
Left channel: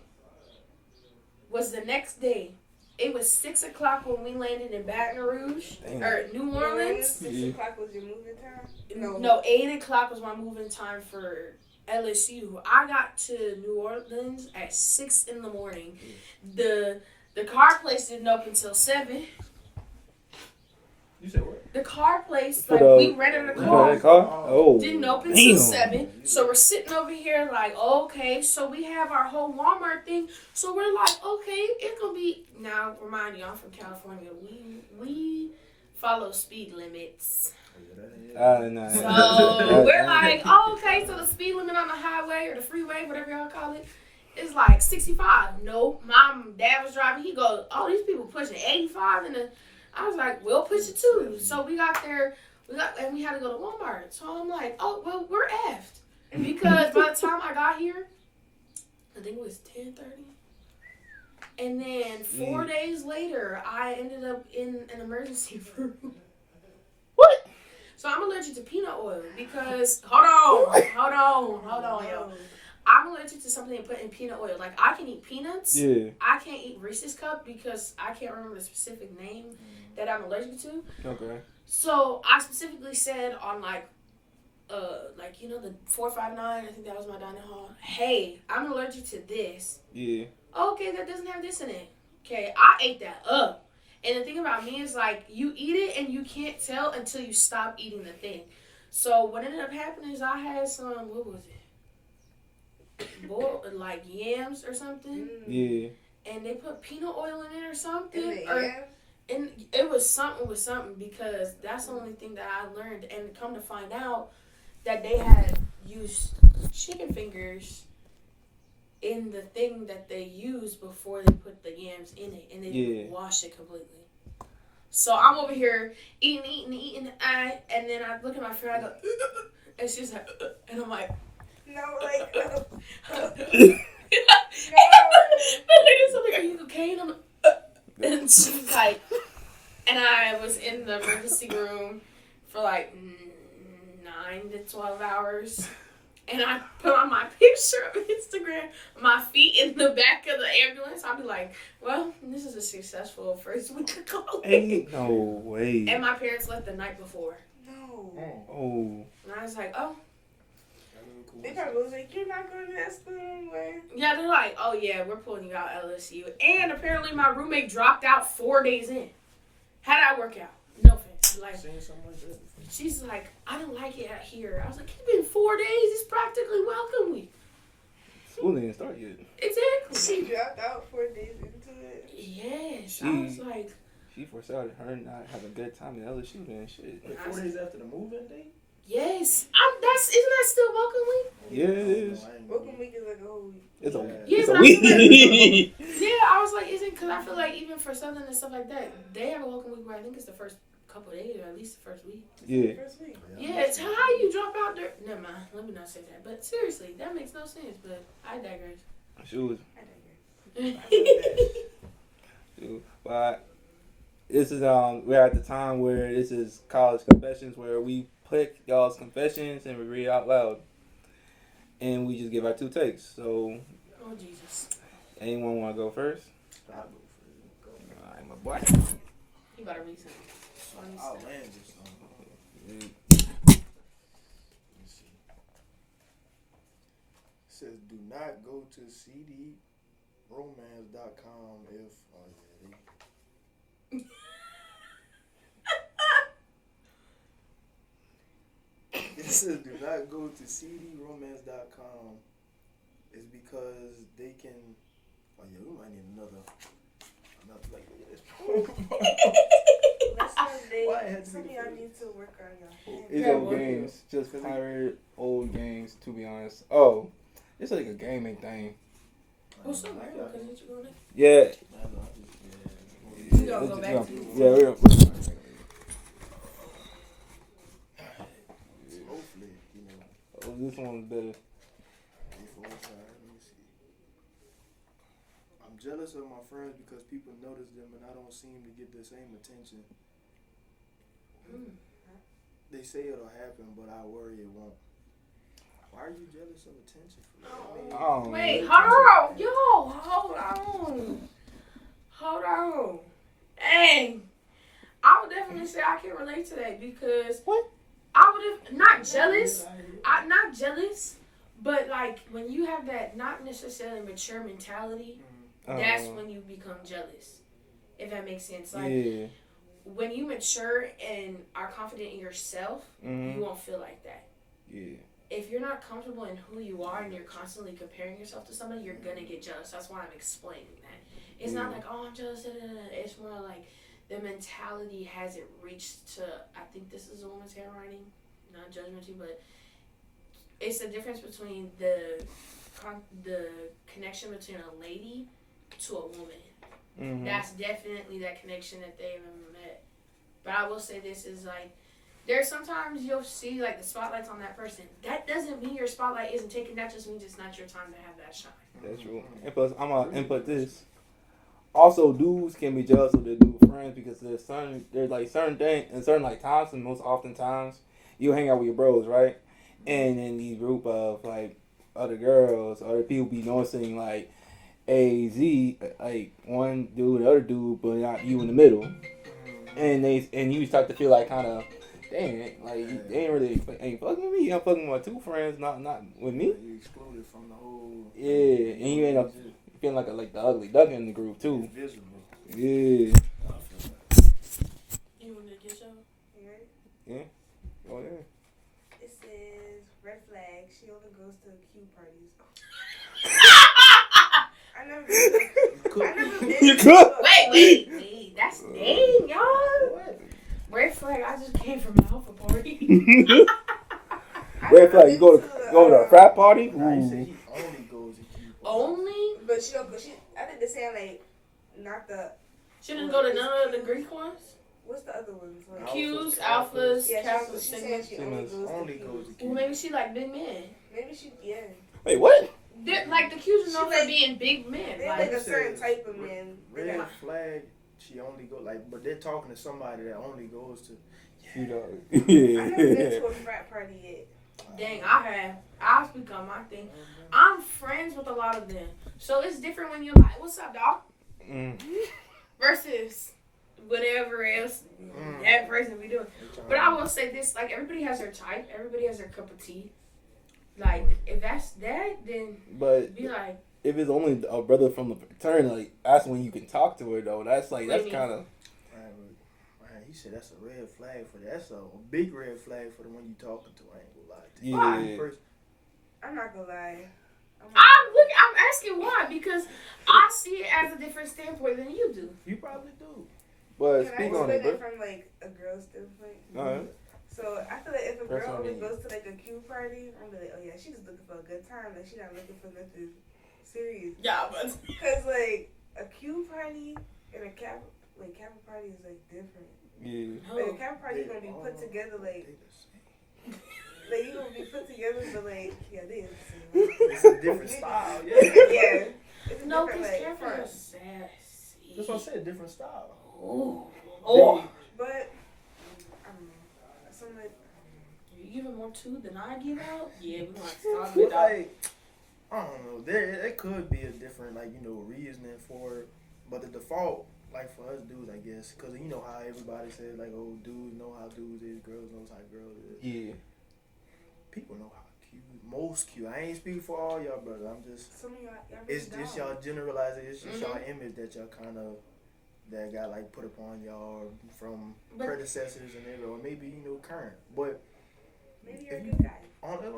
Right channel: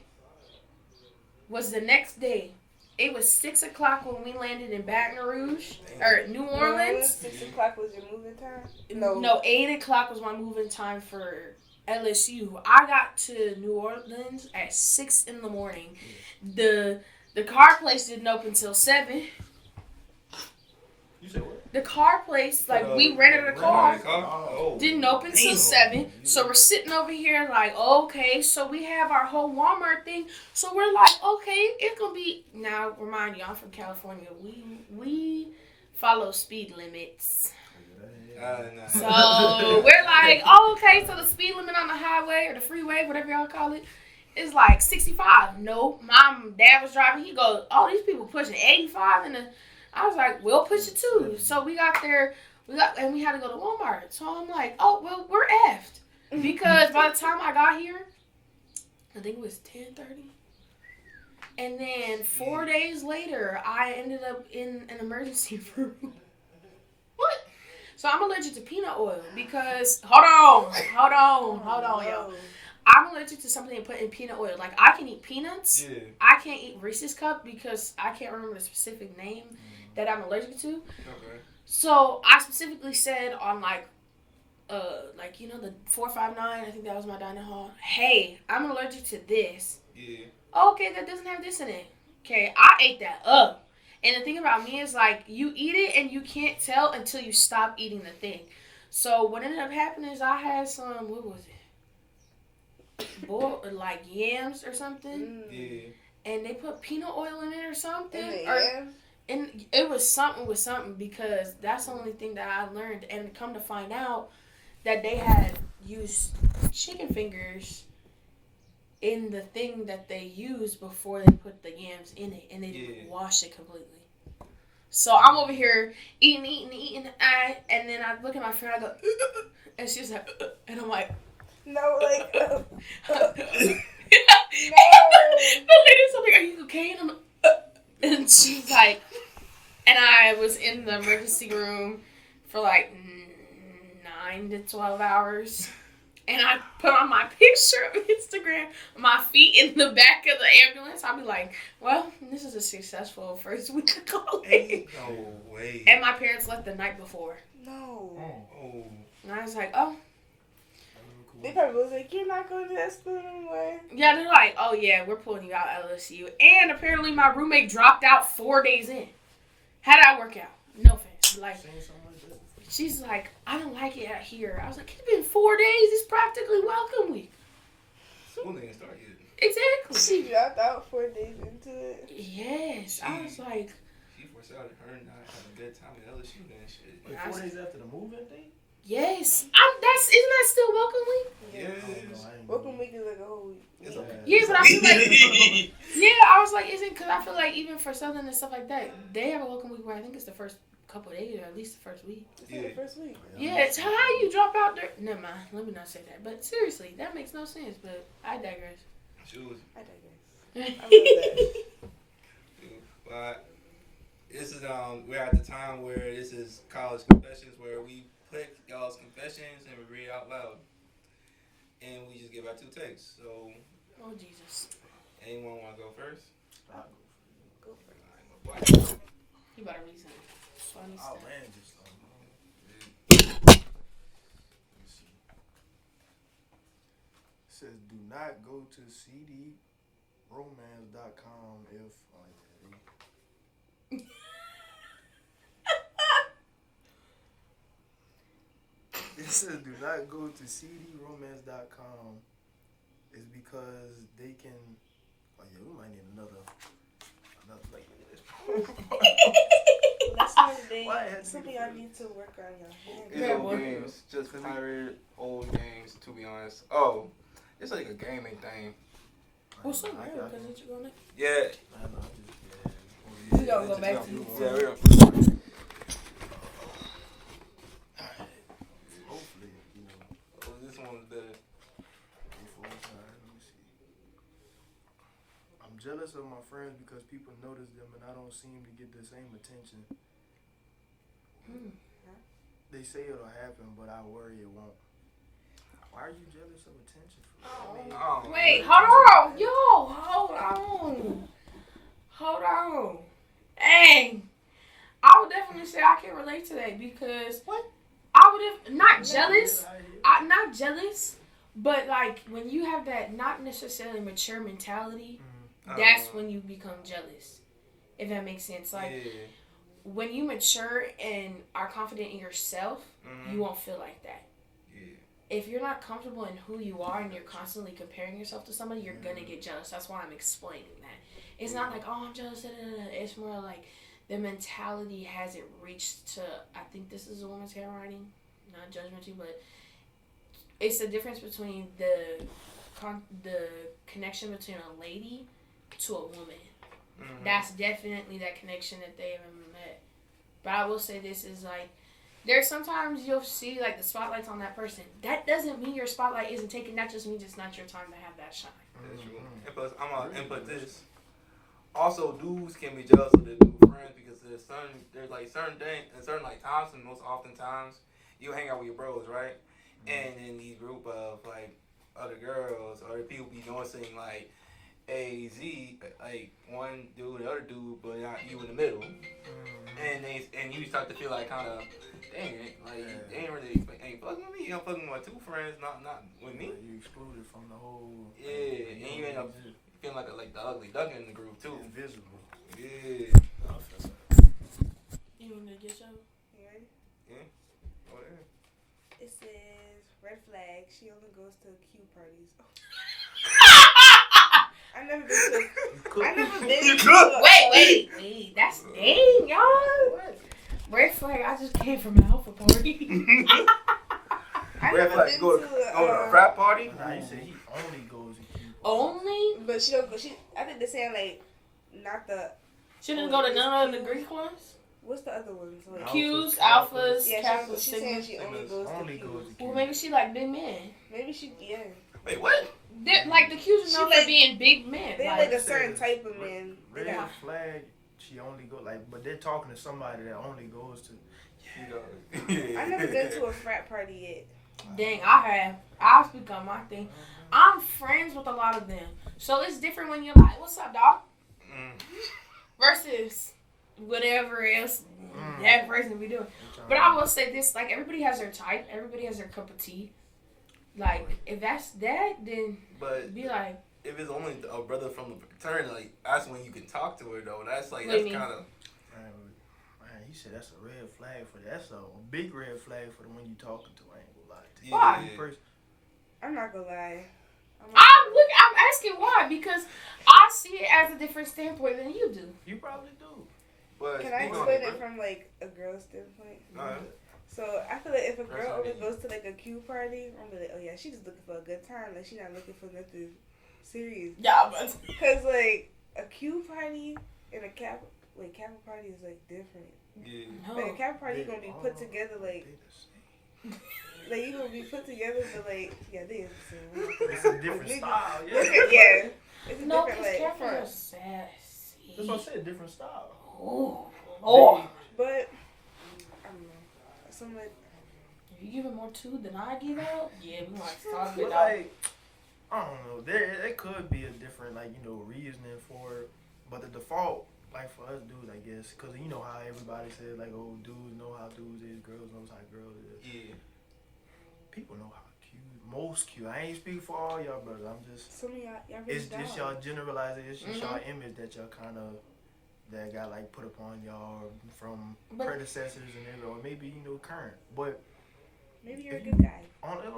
was the next day. It was 6 o'clock when we landed in Baton Rouge or New Orleans. 6 o'clock was your moving time? No, 8 o'clock was my moving time for LSU. I got to New Orleans at 6 in the morning. The car place didn't open till 7. You said what? The car place, like we rented a car, didn't open till 7. So we're sitting over here like, okay, so we have our whole Walmart thing. So we're like, okay, it's gonna be. Now, remind you, I'm from California. We follow speed limits. No. So we're like, oh, okay, so the speed limit on the highway or the freeway, whatever y'all call it, is like 65. No, dad was driving. He goes, oh, these people pushing 85 and I was like, we'll push it too. So we got there, and we had to go to Walmart. So I'm like, oh, well, we're effed. Because by the time I got here, I think it was 10:30. And then 4 days later, I ended up in an emergency room. What? So I'm allergic to peanut oil because, hold on, yo. I'm allergic to something they put in peanut oil. Like, I can eat peanuts. Yeah. I can't eat Reese's Cup because I can't remember the specific name that I'm allergic to. Okay. So I specifically said on the 459, I think that was my dining hall. Hey, I'm allergic to this. Yeah. Okay, that doesn't have this in it. Okay, I ate that up. And the thing about me is, like, you eat it and you can't tell until you stop eating the thing. So what ended up happening is I had some, what was it? Like yams or something. Yeah. And they put peanut oil in it or something. And it was something with something because that's the only thing that I learned. And come to find out that they had used chicken fingers in the thing that they used before they put the yams in it. And they didn't wash it completely. So I'm over here eating, and then I look at my friend, I go, and she's like, and I'm like, no, like, no. The lady's like, are you okay? And I'm like, and she's like, and I was in the emergency room for like 9 to 12 hours. And I put on my picture of Instagram, my feet in the back of the ambulance. I'll be like, well, this is a successful first week of college. Ain't no way. And my parents left the night before. No. Oh. And I was like, oh. They probably was like, you're not going to that school anymore. Yeah, they're like, oh, yeah, we're pulling you out LSU. And apparently my roommate dropped out 4 days in. How'd that work out? No offense. Like, she's like, I don't like it out here. I was like, it's been 4 days. It's practically welcome week. School didn't start yet. Exactly. She dropped out 4 days into it. Yes. I was like. She foresaw her not having a good time in LSU and shit. Like 4 days after the move-in date? Yes. Isn't that still welcome week? Yes. Welcome week is like a whole week. It's okay. Yeah, but I feel like, I was like, because I feel like even for Southern and stuff like that, they have a welcome week where I think it's the first couple of days or at least the first week. The first week. Yeah, it's how you drop out there. Never mind. Let me not say that. But seriously, that makes no sense. But I digress. Shoot. I digress. But this is we're at the time where this is college confessions where we put y'all's confessions and we read out loud. And we just give our 2 takes. So oh Jesus. Anyone wanna go first? I'll go first. Alright, my boy. You better read something. I'll land this song. Let me see. It says, do not go to cdromance.com if... It says, do not go to cdromance.com. It's because they can... Oh, yeah, we might need another like, look at this. Something I need to work on. It's old games. Just pirate old games, to be honest. Oh, it's like a gaming thing. What's up, man? Because you going Yeah. We gonna go back to you. Yeah, we're gonna. Hopefully, you know. Oh, this one's better. I'm jealous of my friends because people notice them and I don't seem to get the same attention. They say it'll happen, but I worry it won't. Why are you jealous of attention? Wait, hold on. Hold on. Dang. I would definitely say I can relate to that because I would have not jealous. I'm not jealous, but like when you have that not necessarily mature mentality, that's when you become jealous. If that makes sense. Like when you mature and are confident in yourself, you won't feel like that. Yeah. If you're not comfortable in who you are and you're constantly comparing yourself to somebody, you're gonna get jealous. That's why I'm explaining that. It's not like, oh, I'm jealous. It's more like the mentality hasn't reached to, I think this is a woman's handwriting, not judgmental, but it's the difference between the connection between a lady to a woman. That's definitely that connection that they haven't met. But I will say this is like, there's sometimes you'll see like the spotlight's on that person. That doesn't mean your spotlight isn't taken. That just means it's not your time to have that shine. That's true. And plus, I'm gonna input this. Also, dudes can be jealous of their dude friends because there's like certain things and certain like times, and most often times you hang out with your bros, right? And in the group of like other girls, other people be noticing like Z, like one dude, the other dude, but not you in the middle, and you start to feel like kind of. Dang, like they ain't fucking with me. I'm fucking with my two friends, not with me. You excluded from the whole. Yeah, and you end up feeling like the ugly duck in the group too. Invisible. Yeah. You want to get your? Yeah. Oh yeah. It says red flag. She only goes to Q parties. I never been. You could. Wait. That's dang, y'all. What? Red flag, I just came from an alpha party. Red flag, you go to a frat party? I said he only goes to Q. Only? But she don't go. I think they're saying like, not the. She didn't go to none of the Greek ones? What's the other ones? Like, Q's, alphas, yeah, Kappas, she's saying she only goes to Q. Well, maybe she like big men. Maybe she, yeah. Wait, what? Like the Q's are known for like, being big men. They like a certain type of men. Red flag. She only go but they're talking to somebody that only goes to. You know. I never been to a frat party yet. Dang, I have. I've become my thing. I'm friends with a lot of them, so it's different when you're like, "What's up, dog?" Versus whatever else that person be doing. But I will say this: like everybody has their type. Everybody has their cup of tea. Like if that's that, then be like. If it's only a brother from the fraternity, like that's when you can talk to her though. That's kind of. Man, he said that's a red flag for that. That's a big red flag for the one you talking to. I ain't gonna lie to you. Why? I'm not gonna lie. I'm asking why because I see it as a different standpoint than you do. You probably do. But can I explain it from like a girl's standpoint? So I feel like if a girl only goes to like a Q party, I'm like, oh yeah, she's just looking for a good time. Like she's not looking for nothing serious. Yeah, but because like a Q party and a Kappa party is like different. Yeah. Like a Kappa party gonna be put together like you gonna be put together to like they is the same. It's a different style. Yeah. Yeah. It's no, because Kappa are sassy. That's what I said. Different style. Oh. But like, you giving more to than I give out? Yeah, we want to talk about like, I don't know. There could be a different, reasoning for it. But the default, like, for us dudes, I guess, because you know how everybody says, like, oh, dudes know how dudes is, girls knows how girls is. Yeah. People know how cute. Most cute. I ain't speaking for all y'all brothers. I'm just... Some of y'all it's just y'all generalizing. It's just y'all image that y'all kind of... that got like put upon y'all from predecessors and everything, or maybe current. But maybe you're a good guy.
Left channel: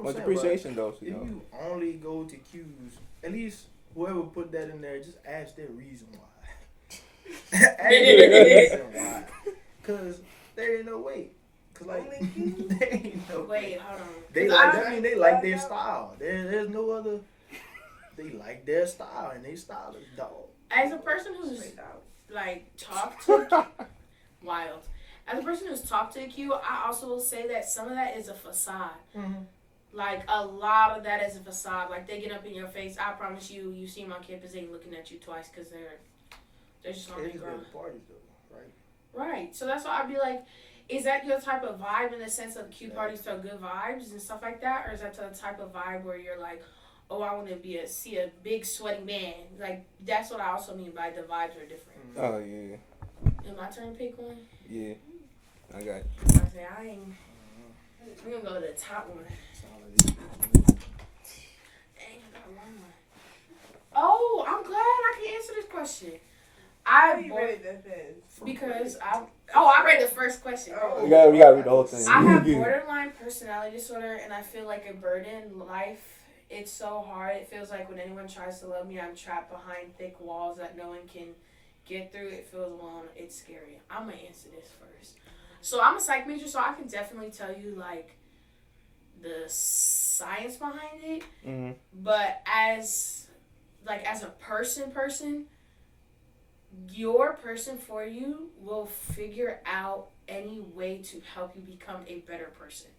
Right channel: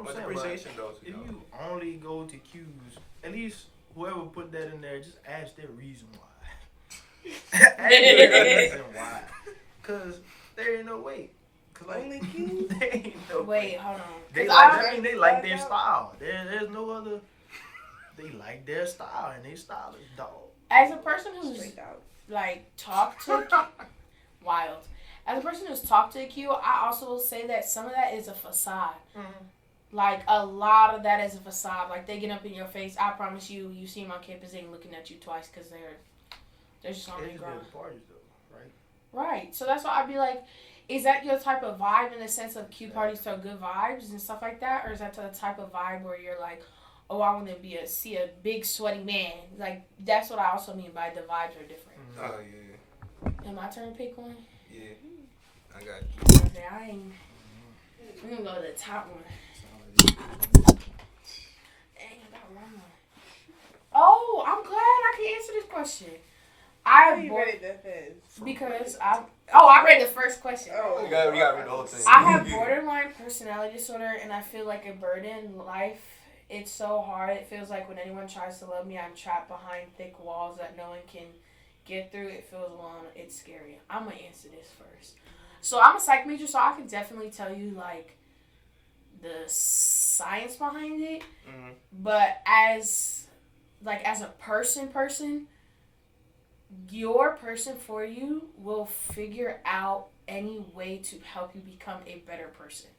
Much appreciation though. If you only go to Q's, at least whoever put that in there, just ask their reason why. Ask their reason why, cause there ain't no way. Cause like there ain't no way. Hold on. They like they like their style. There's no other. They like their style and their style is dog. As a person who's like talked to wild. As a person who's talked to a Q, I also will say that some of that is a facade. Like a lot of that is a facade. Like they get up in your face. I promise you, you see them on campus, they ain't looking at you twice because they're just on their ground. Parties though, right? Right. So that's why I'd be like, is that your type of vibe in the sense of cute parties throw good vibes and stuff like that? Or is that the type of vibe where you're like, oh, I want to see a big sweaty man? Like, that's what I also mean by the vibes are different. Oh, yeah. Am my turn to pick one? Yeah. I got you. Okay, I'm going to go to the top one. Dang, I got one more. Oh, I'm glad I can answer this question. I read it that fast? Because I read the first question. Oh. We gotta read the whole thing. I have borderline personality disorder, and I feel like a burden in life. It's so hard. It feels like when anyone tries to love me, I'm trapped behind thick walls that no one can get through. It feels alone. It's scary. I'm gonna answer this first. So I'm a psych major, so I can definitely tell you like the science behind it. Mm-hmm. But as a person, your person for you will figure out any way to help you become a better person.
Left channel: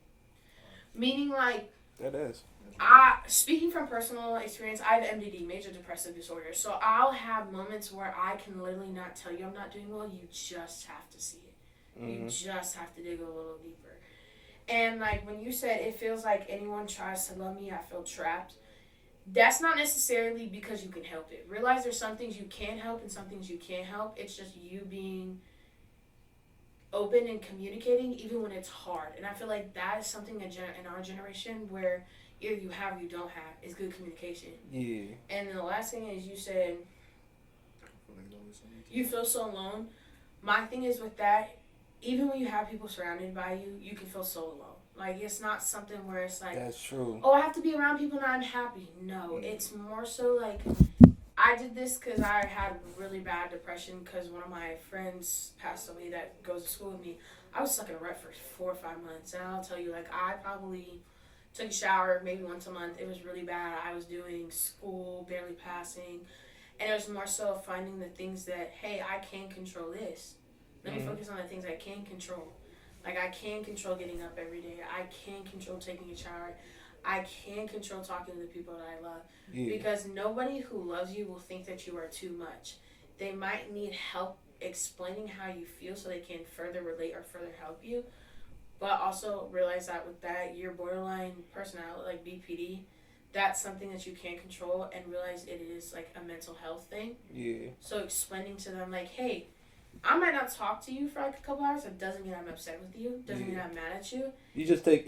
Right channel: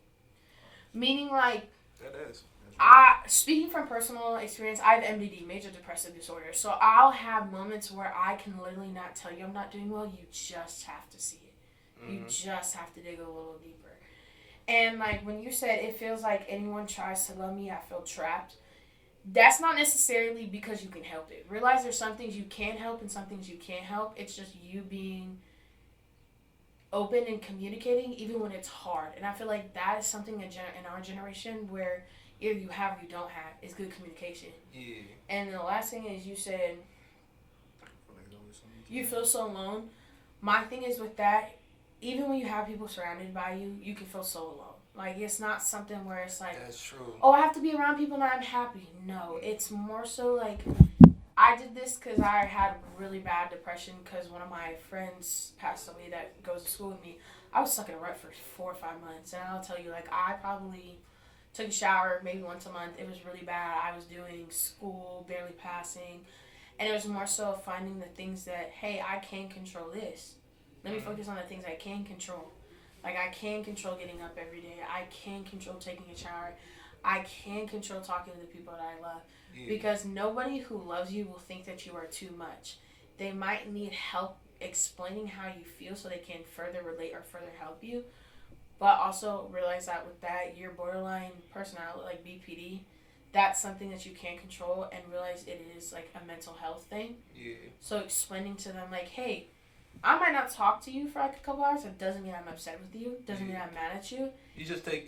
Meaning, like, that is. Speaking from personal experience, I have MDD, major depressive disorder. So I'll have moments where I can literally not tell you I'm not doing well. You just have to see it. Mm-hmm. You just have to dig a little deeper. And, like, when you said it feels like anyone tries to love me, I feel trapped. That's not necessarily because you can help it. Realize there's some things you can help and some things you can't help. It's just you being open and communicating even when it's hard. And I feel like that is something in our generation where either you have or you don't have is good communication. Yeah. And then the last thing is you said you feel so alone. My thing is with that, even when you have people surrounded by you, you can feel so alone. Like, it's not something where it's like, that's true. Oh, I have to be around people and I'm happy. No, it's more so like, I did this because I had really bad depression because one of my friends passed away that goes to school with me. I was stuck in a rut for 4 or 5 months. And I'll tell you, like, I probably took a shower maybe once a month. It was really bad. I was doing school, barely passing. And it was more so finding the things that, hey, I can control this. Let me focus on the things I can control. Like, I can control getting up every day. I can control taking a shower. I can control talking to the people that I love. Yeah. Because nobody who loves you will think that you are too much. They might need help explaining how you feel so they can further relate or further help you. But also realize that with that, your borderline personality, like BPD, that's something that you can't control, and realize it is, like, a mental health thing. Yeah. So explaining to them, like, hey, I might not talk to you for like a couple hours. It doesn't mean I'm upset with you. Doesn't mean I'm mad at you. You just taking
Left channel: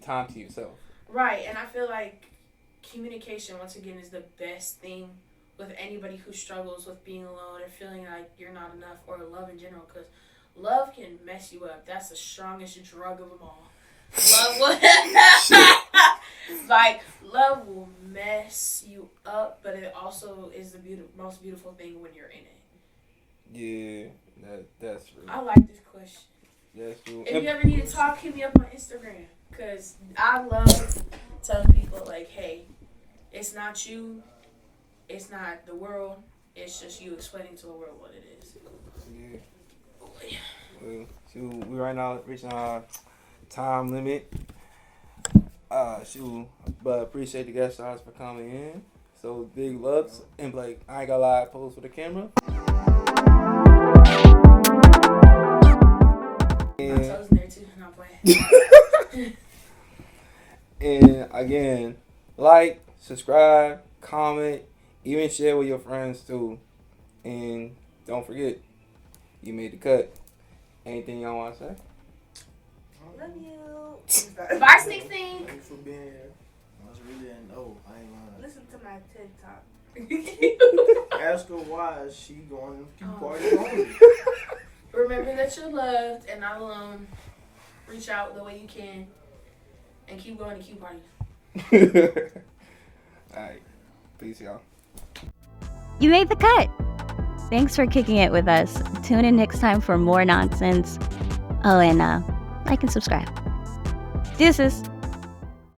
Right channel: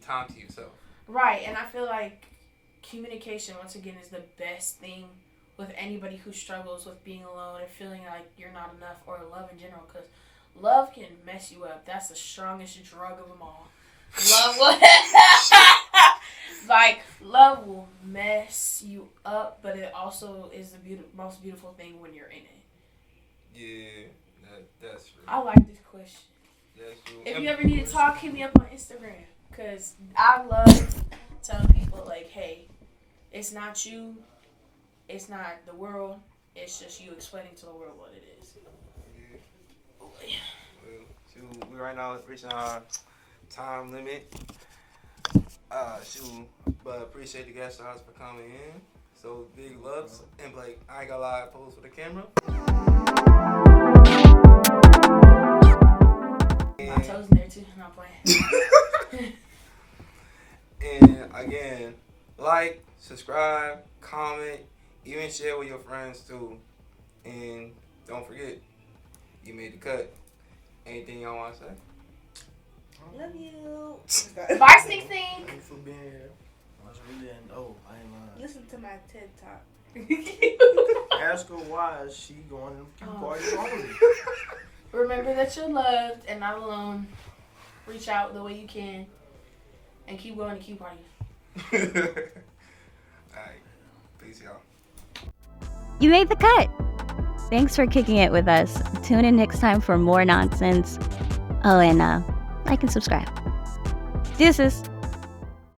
time to yourself. Right, and I feel like communication, once again, is the best thing with anybody who struggles with being alone or feeling like you're not enough, or love in general, because love can mess you up. That's the strongest drug of them all. Love will, love will mess you up, but it also is the most beautiful thing when you're in it. Yeah, that's true. I like this question. That's true. If you ever need to talk, hit me up on Instagram. Because I love telling people, like, hey, it's not you. It's not the world. It's just you explaining to the world what it is. Yeah. We right now reaching our time limit. But appreciate the guest stars for coming in. So, big loves. And, like, I ain't got a lot of pose for the camera. My toes in there too, not playing. And again, like, subscribe, comment, even share with your friends too. And don't forget, you made the cut. Anything y'all want to say? Love you. Bye, Sneak. Thank you for being here. I was really didn't know. I ain't lying. Listen to my TED Talk. Ask her why is she going to keep parties only. Remember that you're loved and not alone. Reach out the way you can. And keep going to Q parties. Alright. Peace, y'all. You made the cut. Thanks for kicking it with us. Tune in next time for more nonsense. Oh, and like and subscribe. Deuces.